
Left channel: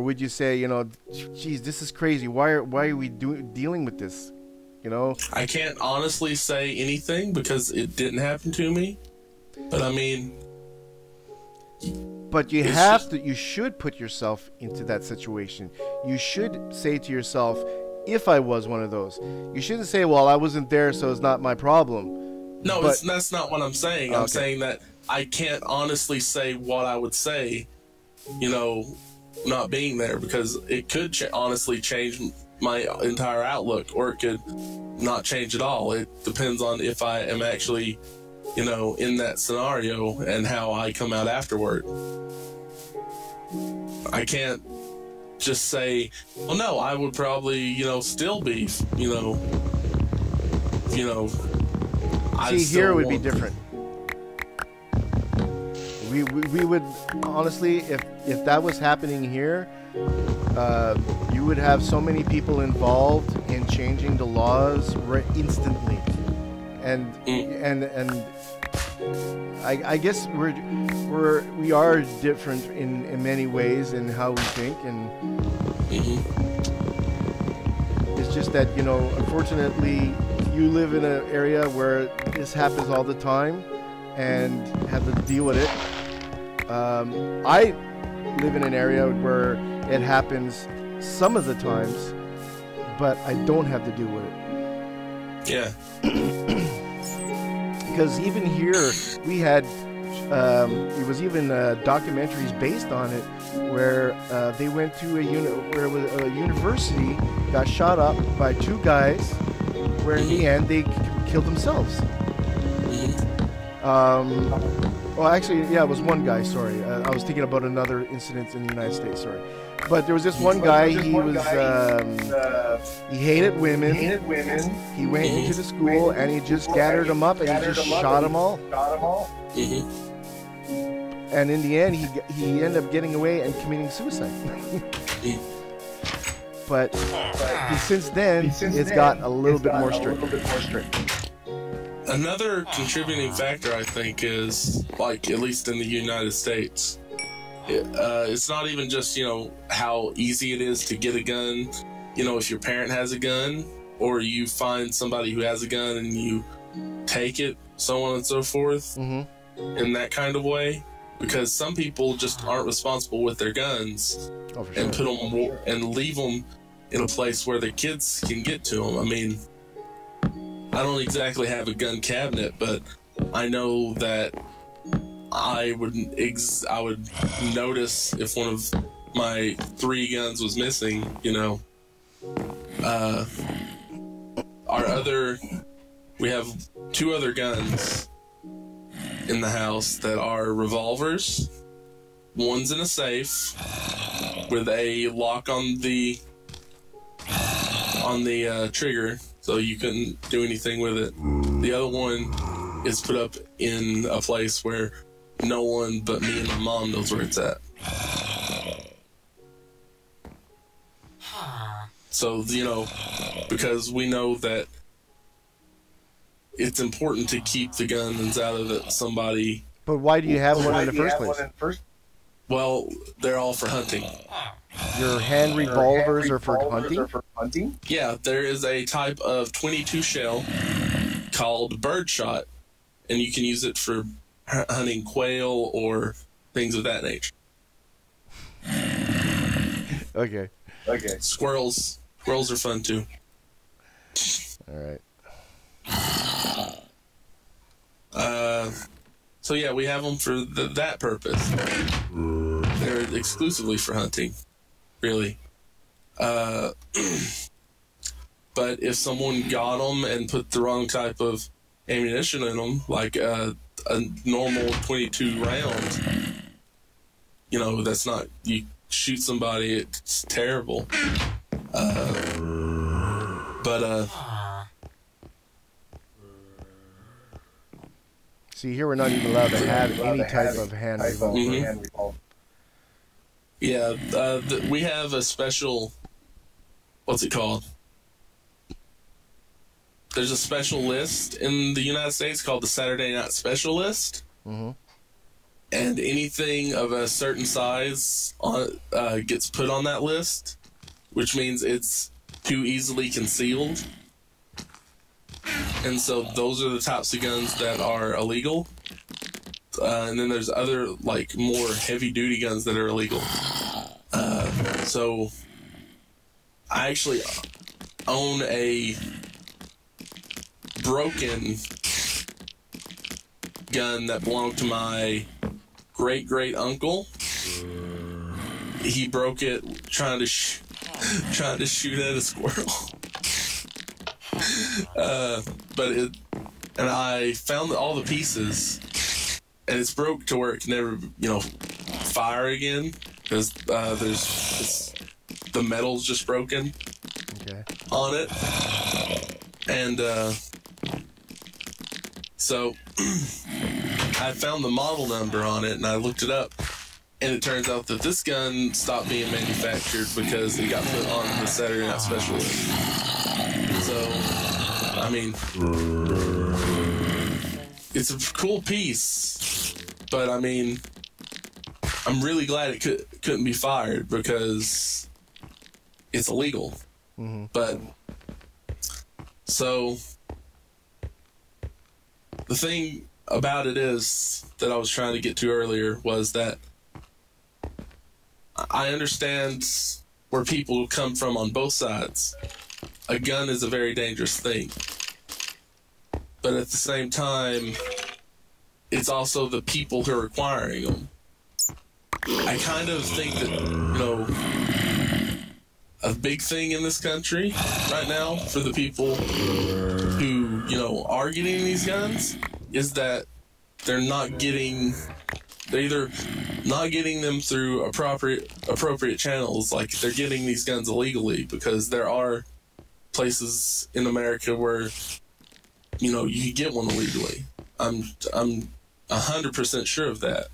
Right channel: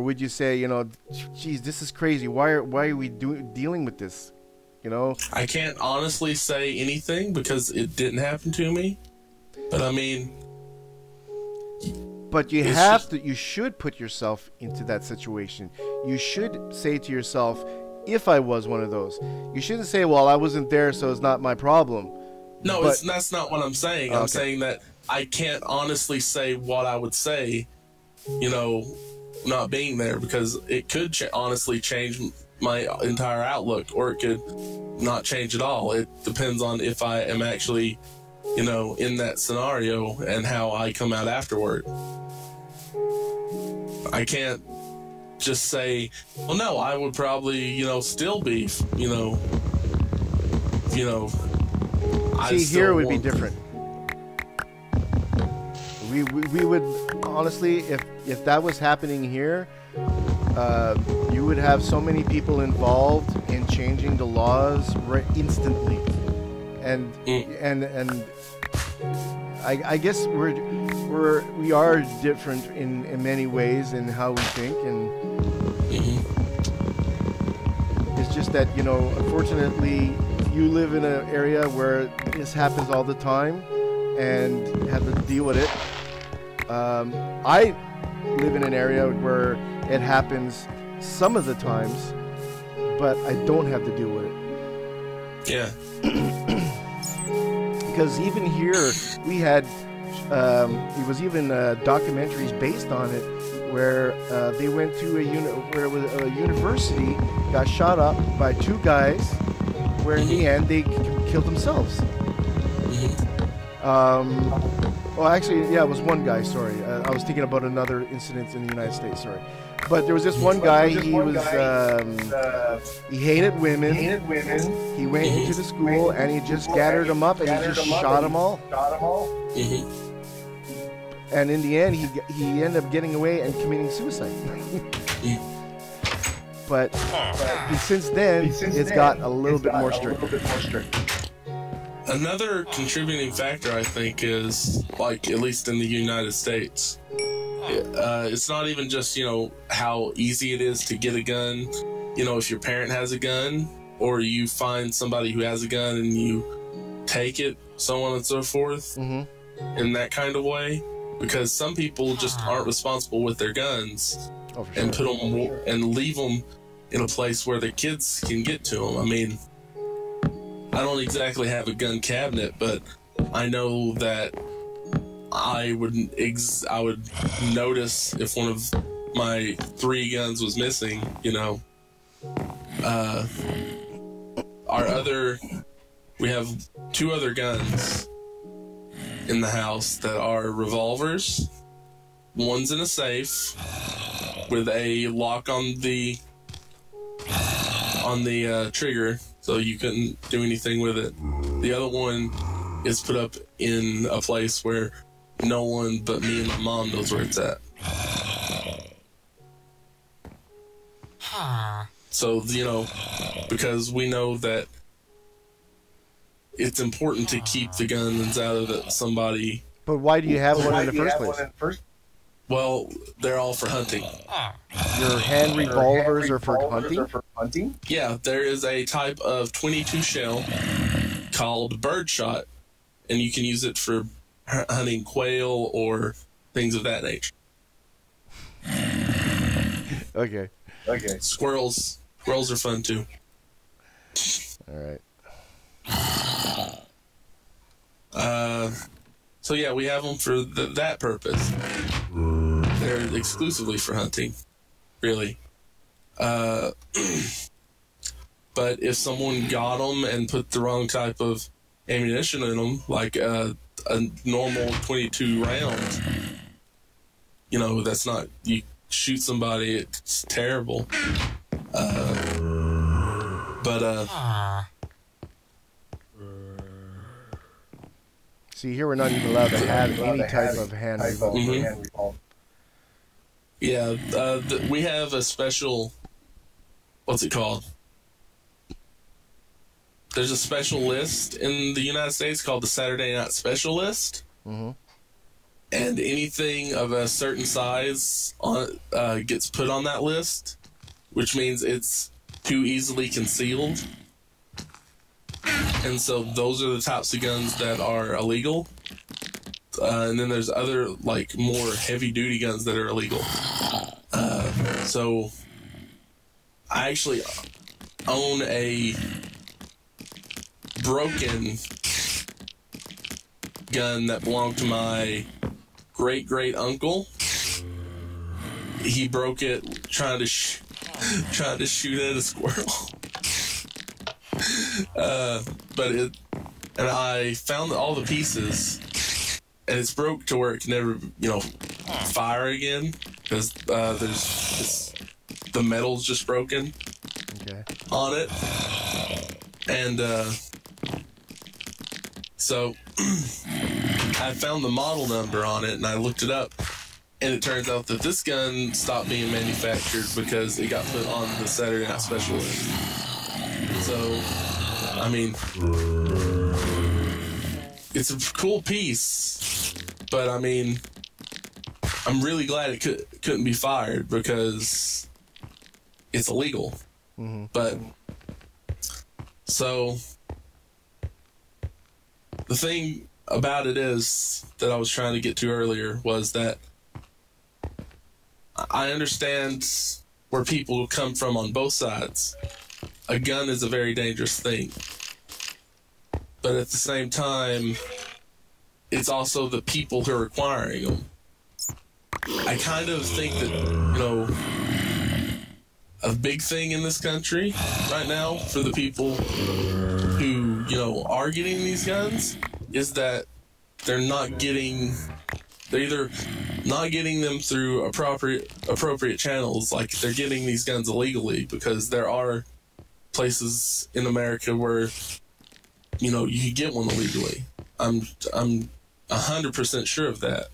would you say, you know, geez, this is crazy. Why are we dealing with this? You know, I can't honestly say anything because it didn't happen to me. But I mean, but you should put yourself into that situation. You should say to yourself, if I was one of those, you shouldn't say, well, I wasn't there, so it's not my problem. No, that's not what I'm saying. I'm saying that I can't honestly say what I would say, you know, not being there, because it could honestly change my entire outlook, or it could not change at all. It depends on if I am actually, you know, in that scenario and how I come out afterward. I can't just say, well, no, I would probably, you know, still be, you know. See, here it would be different. We would, honestly, if that was happening here, you would have so many people involved in changing the laws instantly, and I guess we are different in many ways in how we think, and it's just that, you know, unfortunately, you live in an area where this happens all the time and have to deal with it. I live in an area where it happens some of the times, but I don't have to deal with it. Yeah. Because even here, we had, it was even documentaries based on it, where they went to where a university got shot up by two guys, where in the end they killed themselves. Well, actually, yeah, it was one guy, sorry. I was thinking about another incident in the United States, sorry. But there was this one guy, he hated women. He went into the school and he just gathered them up and he just shot them all. And in the end, he ended up getting away and committing suicide. But since then, it's got a little bit more strict. Another contributing factor, I think, is, like, at least in the United States, it's not even just, you know, how easy it is to get a gun. You know, if your parent has a gun, or you find somebody who has a gun and you take it, so on and so forth, in that kind of way. Because some people just aren't responsible with their guns, and put them and leave them in a place where their kids can get to them. I mean, I don't exactly have a gun cabinet, but I know that I would notice if one of my 3 guns was missing. You know, we have 2 other guns in the house that are revolvers. One's in a safe with a lock on the trigger, so you couldn't do anything with it. The other one is put up in a place where no one but me and my mom knows where it's at. So, you know, because we know that it's important to keep the guns out of somebody. But why do you have one in the first place? Well, they're all for hunting. Your hand revolvers are for hunting? Yeah, there is a type of .22 shell called birdshot, and you can use it for hunting quail or things of that nature. Okay. Squirrels are fun too. All right. So yeah, we have them for that purpose. They're exclusively for hunting, really. But if someone got them and put the wrong type of ammunition in them, like a normal 22 round, you know, that's not, you shoot somebody, it's terrible. See, here we're not even allowed to have any type of hand revolver. Mm-hmm. Yeah, we have a special, what's it called? There's a special list in the United States called the Saturday Night Special List. Mm-hmm. And anything of a certain size gets put on that list, which means it's too easily concealed. And so those are the types of guns that are illegal. And then there's other, like, more heavy-duty guns that are illegal. So I actually own a broken gun that belonged to my great uncle. He broke it trying to shoot at a squirrel. And I found all the pieces, and it's broke to where it can never, you know, fire again because the metal's just broken. Okay. On it, and so I found the model number on it, and I looked it up, and it turns out that this gun stopped being manufactured because it got put on the Saturday Night Special list. So, I mean, it's a cool piece, but I mean, I'm really glad it couldn't be fired because it's illegal. Mm-hmm. But so the thing about it is that I was trying to get to earlier was that I understand where people come from on both sides. A gun is a very dangerous thing. But at the same time, it's also the people who are acquiring them. I kind of think that, you know, a big thing in this country right now for the people who, you know, are getting these guns is that they're either not getting them through appropriate channels, like they're getting these guns illegally, because there are places in America where, you know, you get one illegally. I'm 100% sure of that.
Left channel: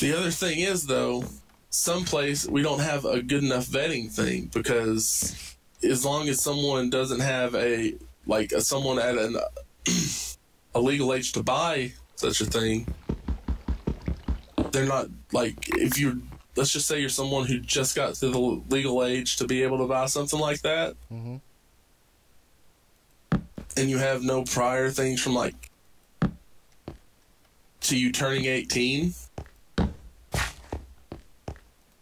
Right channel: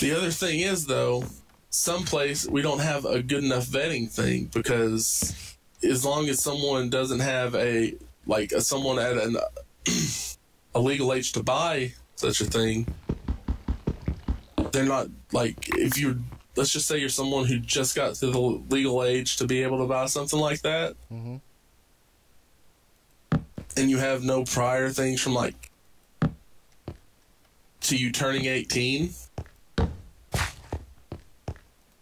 The other thing is, though, someplace we don't have a good enough vetting thing, because as long as someone doesn't have someone at a legal age to buy such a thing, they're not, like, if you're, let's just say you're someone who just got to the legal age to be able to buy something like that, mm-hmm. and you have no prior things from, like, to you turning 18,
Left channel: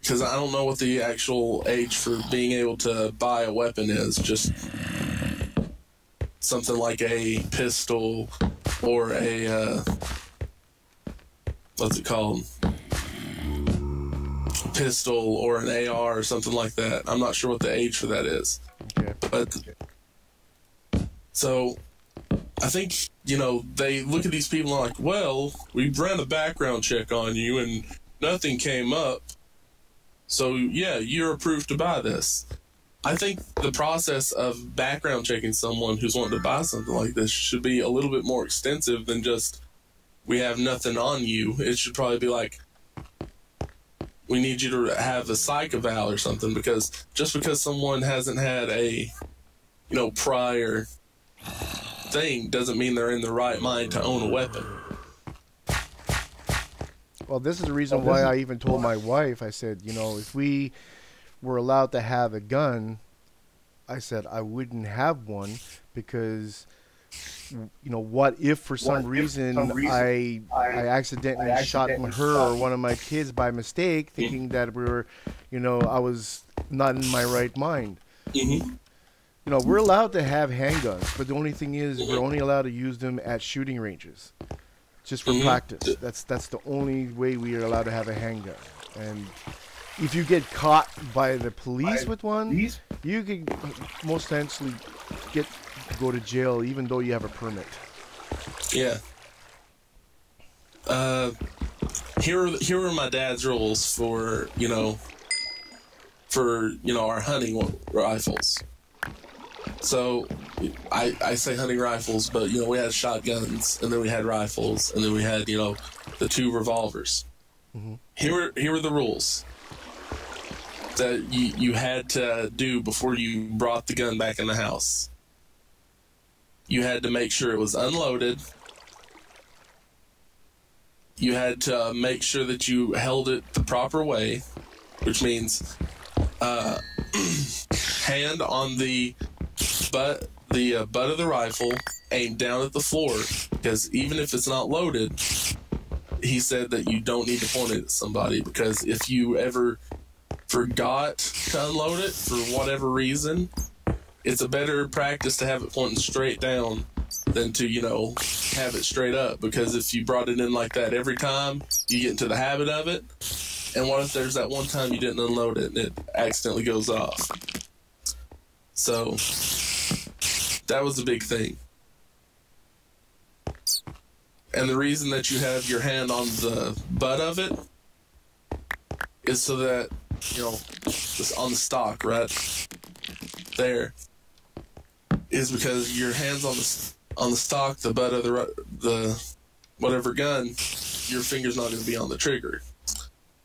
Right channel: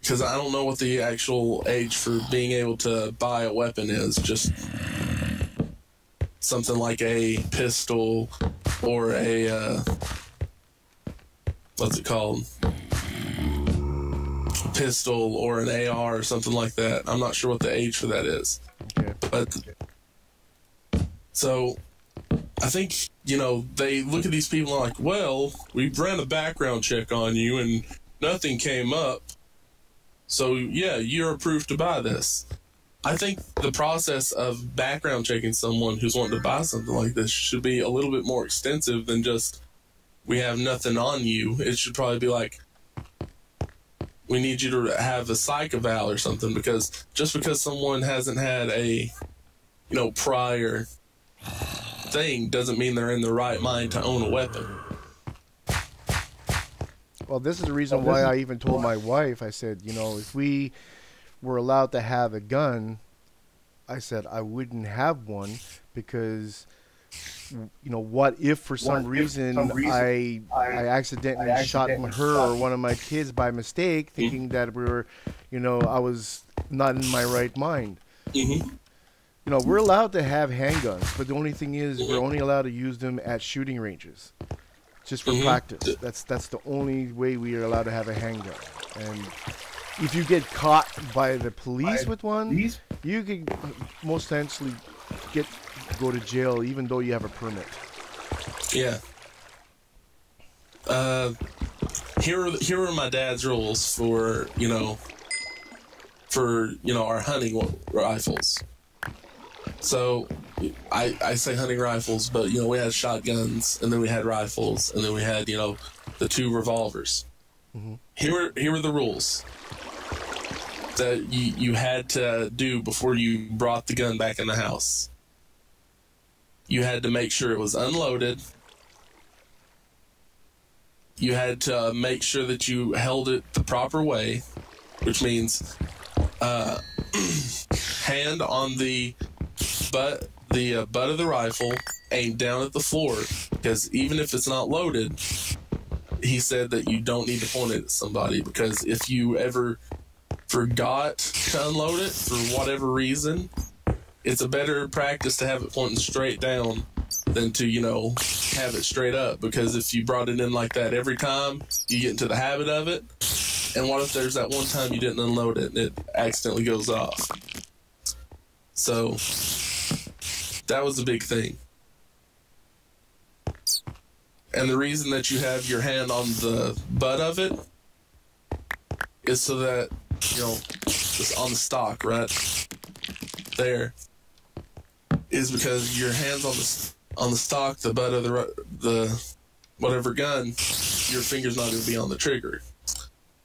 because I don't know what the actual age for being able to buy a weapon is, just something like a pistol or a, what's it called? Pistol or an AR or something like that. I'm not sure what the age for that is. Okay. But, so, I think, you know, they look at these people and are like, well, we ran a background check on you and nothing came up. So, yeah, you're approved to buy this. I think the process of background checking someone who's wanting to buy something like this should be a little bit more extensive than just, we have nothing on you. It should probably be like, we need you to have a psych eval or something, because just because someone hasn't had a, you know, prior thing doesn't mean they're in the right mind to own a weapon. Well, this is the reason why I even told my wife, I said, you know, if we were allowed to have a gun, I said I wouldn't have one, because what if for some reason I accidentally shot her or one of my kids by mistake, thinking that we were, I was not in my right mind. We're allowed to have handguns, but the only thing is we're only allowed to use them at shooting ranges, just for practice. That's the only way we are allowed to have a handgun. And if you get caught by the police with one, you could most essentially go to jail, even though you have a permit. Yeah. Here are my dad's rules for our hunting rifles. So I say hunting rifles, but we had shotguns, and then we had rifles, and then we had the 2 revolvers. Here were the rules that you had to do before you brought the gun back in the house. You had to make sure it was unloaded. You had to make sure that you held it the proper way, which means hand on the butt of the rifle, aimed down at the floor, because even if it's not loaded, he said that you don't need to point it at somebody, because if you ever forgot to unload it for whatever reason, it's a better practice to have it pointing straight down than to, have it straight up, because if you brought it in like that every time, you get into the habit of it, and what if there's that one time you didn't unload it and it accidentally goes off? So that was a big thing. And the reason that you have your hand on the butt of it is so that, just on the stock right there, is because your hand's on the stock, the butt of the whatever gun, your finger's not going to be on the trigger.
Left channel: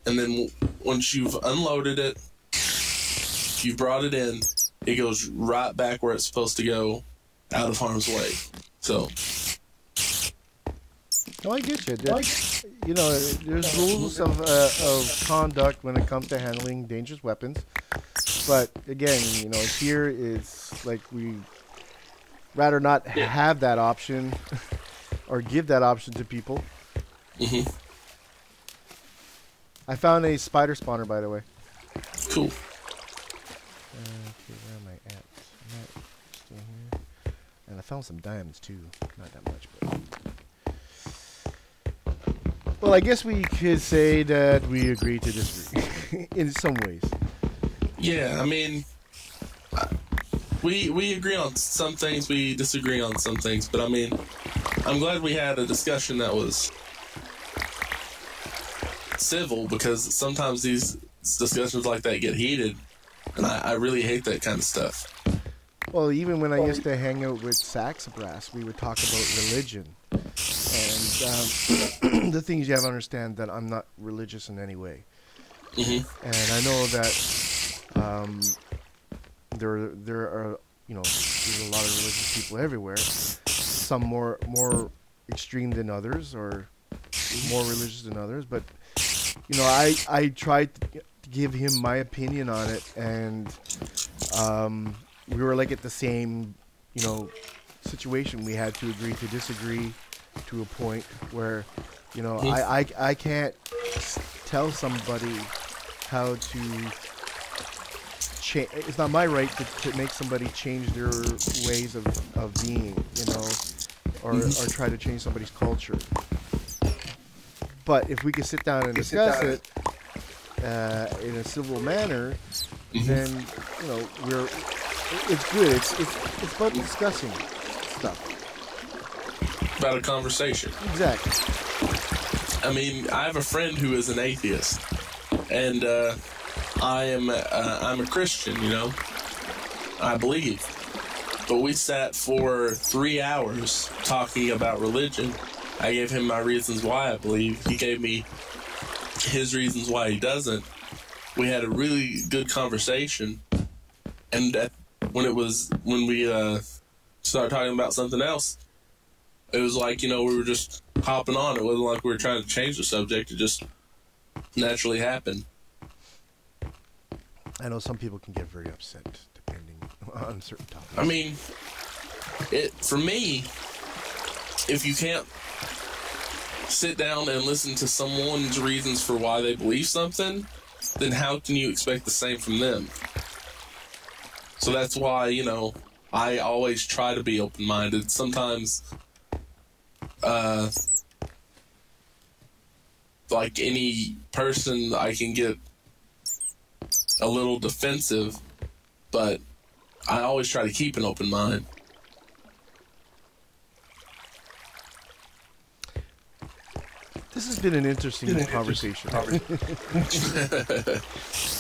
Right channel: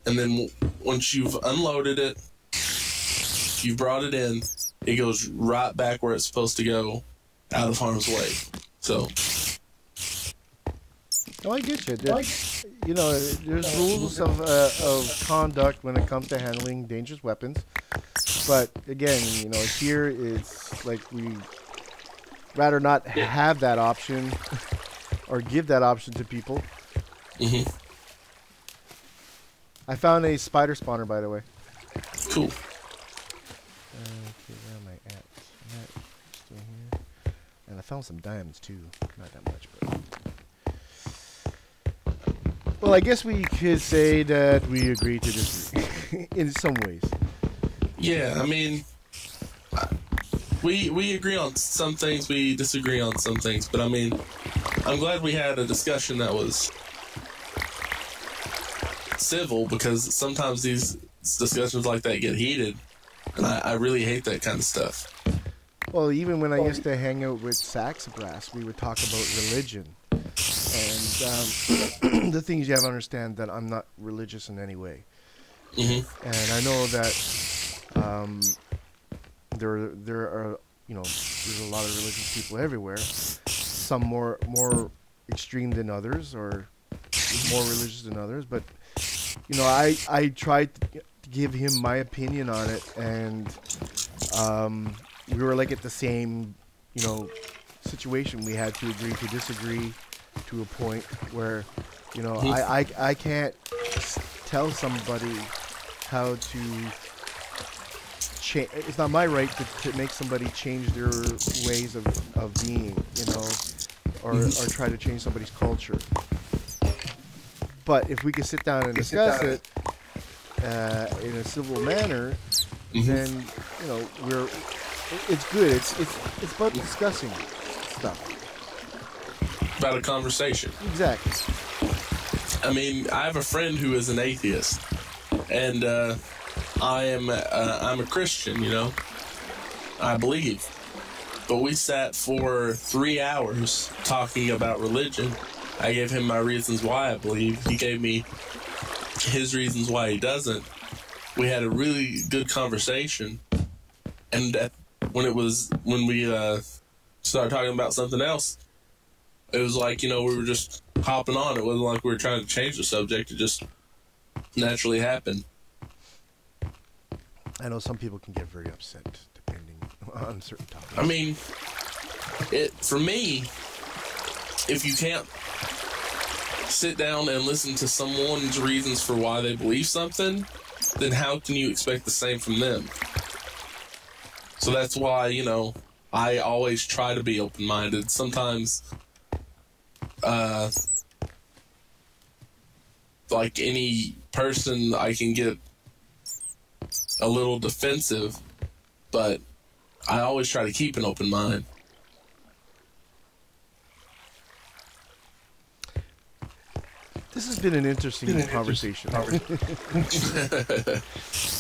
And then once you've unloaded it, you've brought it in, it goes right back where it's supposed to go, out of harm's way. So. Oh, I get you. There's rules of conduct when it comes to handling dangerous weapons. But again, here it's like we rather not have that option or give that option to people. I found a spider spawner, by the way. Cool. Okay, where am I at? I'm at still here. And I found some diamonds too. Not that much, but. Well, I guess we could say that we agree to disagree in some ways. Yeah, I mean, we agree on some things, we disagree on some things, but I mean, I'm glad we had a discussion that was civil, because sometimes these discussions like that get heated, and I really hate that kind of stuff. Well, even when I used to hang out with Saxabrass, we would talk about religion. And the things you have to understand that I'm not religious in any way. And I know that there are, there's a lot of religious people everywhere. Some more extreme than others, or more religious than others. But, I tried to give him my opinion on it, and we were like at the same, situation. We had to agree to disagree to a point where, I can't tell somebody how to change. It's not my right to make somebody change their ways of being, or try to change somebody's culture. But if we could sit down and discuss it in a civil manner, then it's good. It's about discussing stuff. About a conversation. Exactly. I mean, I have a friend who is an atheist, and I'm a Christian, I believe. But we sat for 3 hours talking about religion. I gave him my reasons why I believe. He gave me his reasons why he doesn't. We had a really good conversation, and when we started talking about something else, it was like, we were just hopping on. It wasn't like we were trying to change the subject. It just naturally happened. I know some people can get very upset depending on certain topics. I mean, for me, if you can't sit down and listen to someone's reasons for why they believe something, then how can you expect the same from them? So that's why, you know, I always try to be open-minded. Sometimes, like any person, I can get a little defensive, but I always try to keep an open mind. This has been an interesting conversation.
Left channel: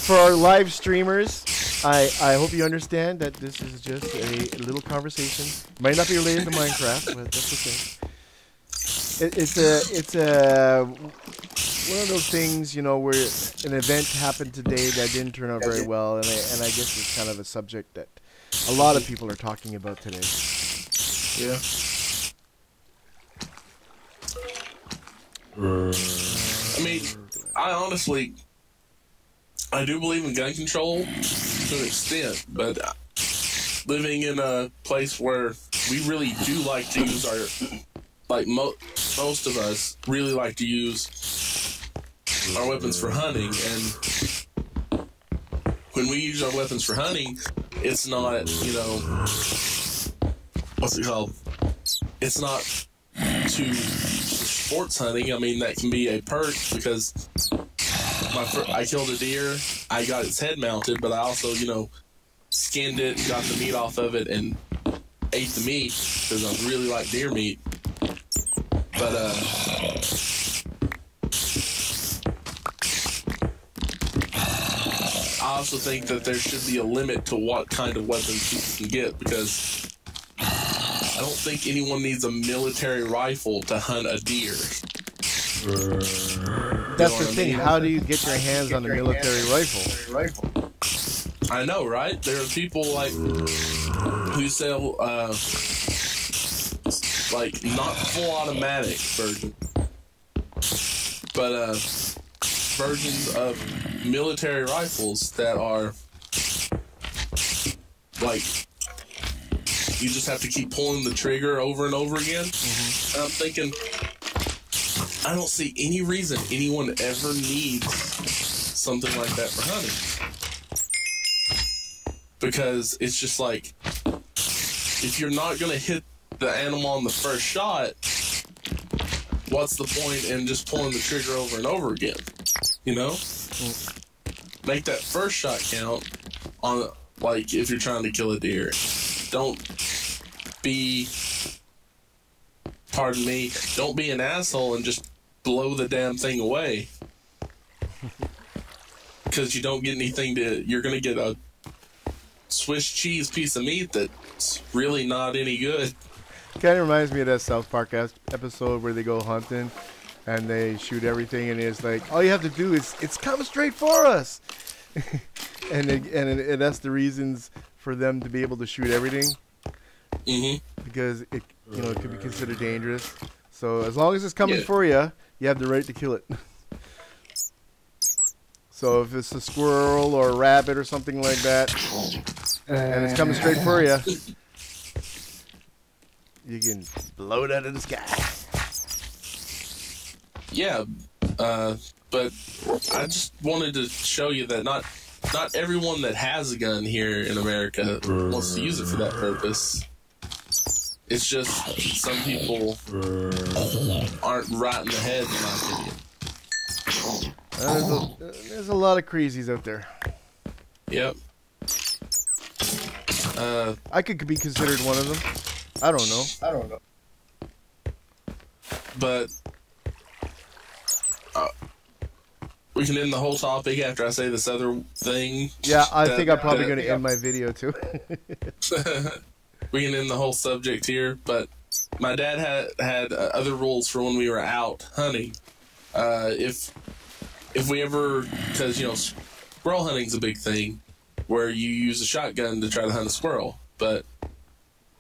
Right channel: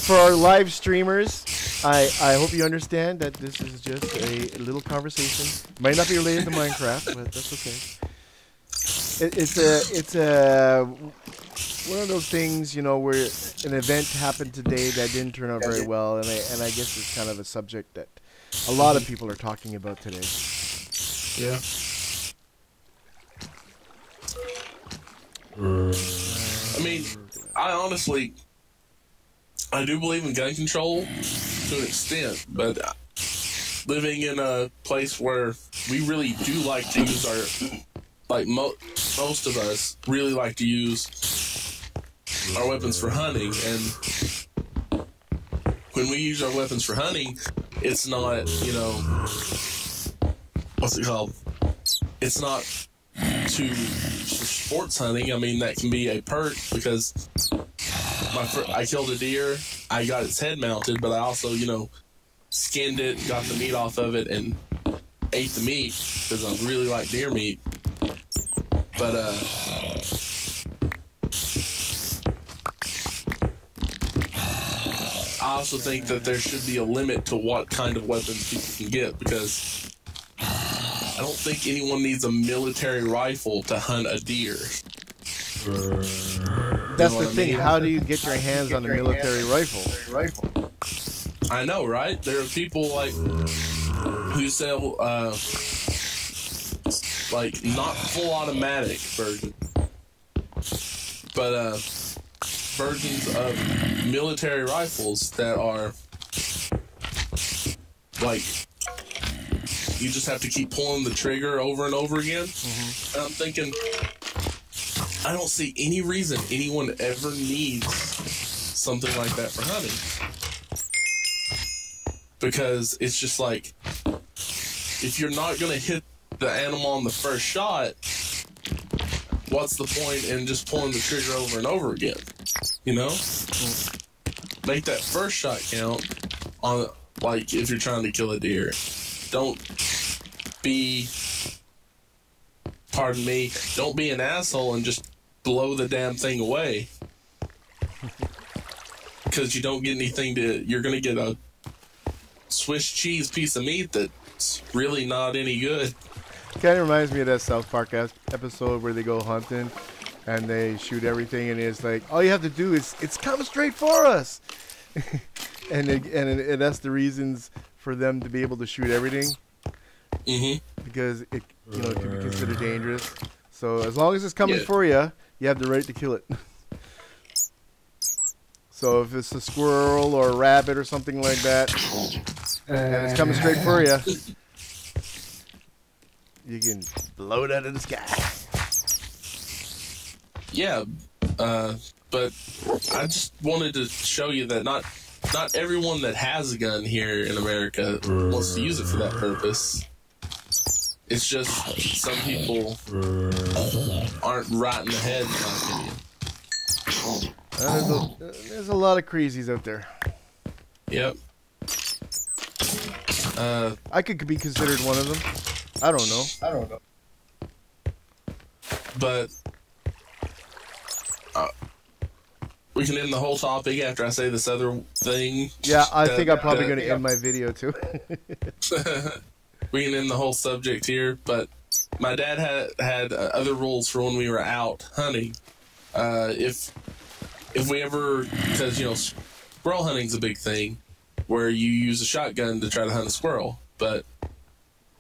For our live streamers, I hope you understand that this is just a little conversation. Might not be related to Minecraft, but that's okay. It's one of those things, you know, where an event happened today that didn't turn out very well, and I guess it's kind of a subject that a lot of people are talking about today. Yeah. I mean, I honestly, I do believe in gun control to an extent, but living in a place where we really do like to use our, like most of us really like to use our weapons for hunting, and when we use our weapons for hunting, it's not, you know, what's it called? It's not to sports hunting. I mean, that can be a perk because I killed a deer, I got its head mounted, but I also, you know, skinned it, got the meat off of it, and ate the meat because I really like deer meat. But I also think that there should be a limit to what kind of weapons people can get, because I don't think anyone needs a military rifle to hunt a deer. That's the thing. How do you get your hands on a military rifle? I know, right? There are people like who sell like not full automatic version, but versions of military rifles that are like you just have to keep pulling the trigger over and over again. And I'm thinking, I don't see any reason anyone ever needs something like that for hunting. Because it's just like, if you're not going to hit the animal on the first shot, what's the point in just pulling the trigger over and over again? You know? Make that first shot count on, like, if you're trying to kill a deer. Don't be, pardon me, don't be an asshole and just blow the damn thing away. Because you don't get anything you're going to get a Swiss cheese piece of meat that's really not any good. Kind of reminds me of that South Park episode where they go hunting and they shoot everything, and it's like, all you have to do is, it's coming straight for us. and that's the reasons for them to be able to shoot everything. Because it, you know, it could be considered dangerous. So as long as it's coming for you, you have the right to kill it. So if it's a squirrel or a rabbit or something like that, and it's coming straight for you, you can blow it out of the sky. Yeah, but I just wanted to show you that not everyone that has a gun here in America wants to use it for that purpose. It's just some people aren't right in the head, in my opinion. There's a lot of crazies out there. Yep. I could be considered one of them. I don't know. But we can end the whole topic after I say this other thing. Yeah, I think I'm probably going to end my video too. We can end the whole subject here, but my dad had other rules for when we were out hunting. If we ever, because, you know, squirrel hunting's a big thing, where you use a shotgun to try to hunt a squirrel. But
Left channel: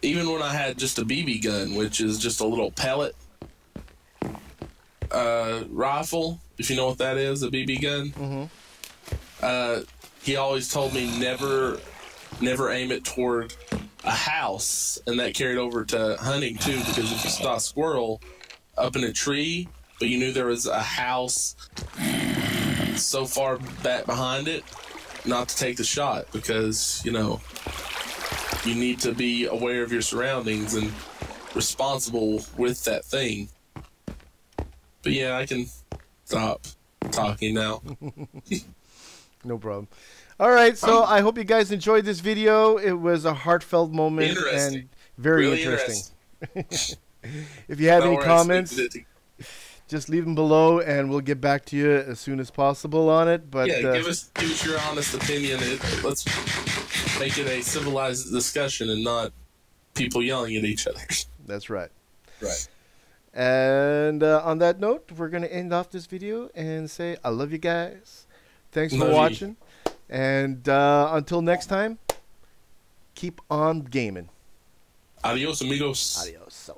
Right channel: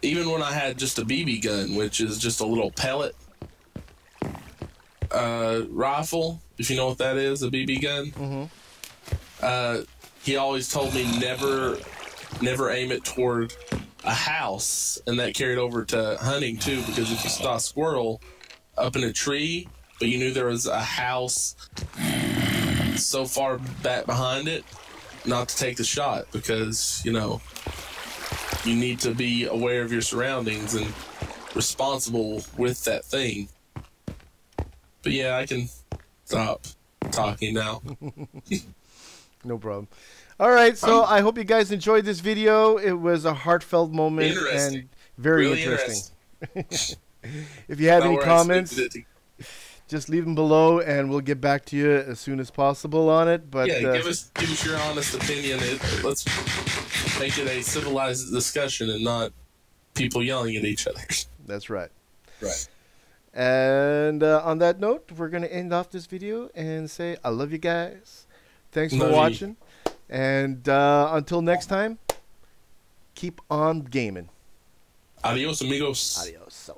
even when I had just a BB gun, which is just a little pellet rifle, if you know what that is, a BB gun, he always told me never aim it toward a house, and that carried over to hunting too, because if you saw a squirrel up in a tree, but you knew there was a house so far back behind it, not to take the shot, because, you know, you need to be aware of your surroundings and responsible with that thing. But yeah, I can stop talking now. No problem. All right, so I hope you guys enjoyed this video. It was a heartfelt moment and very really interesting. If you have any comments, just leave them below, and we'll get back to you as soon as possible on it. But yeah, give us your honest opinion. Let's make it a civilized discussion and not people yelling at each other. That's right. Right. And on that note, we're going to end off this video and say I love you guys. Thanks for watching. And until next time, keep on gaming. Adios, amigos. Adios.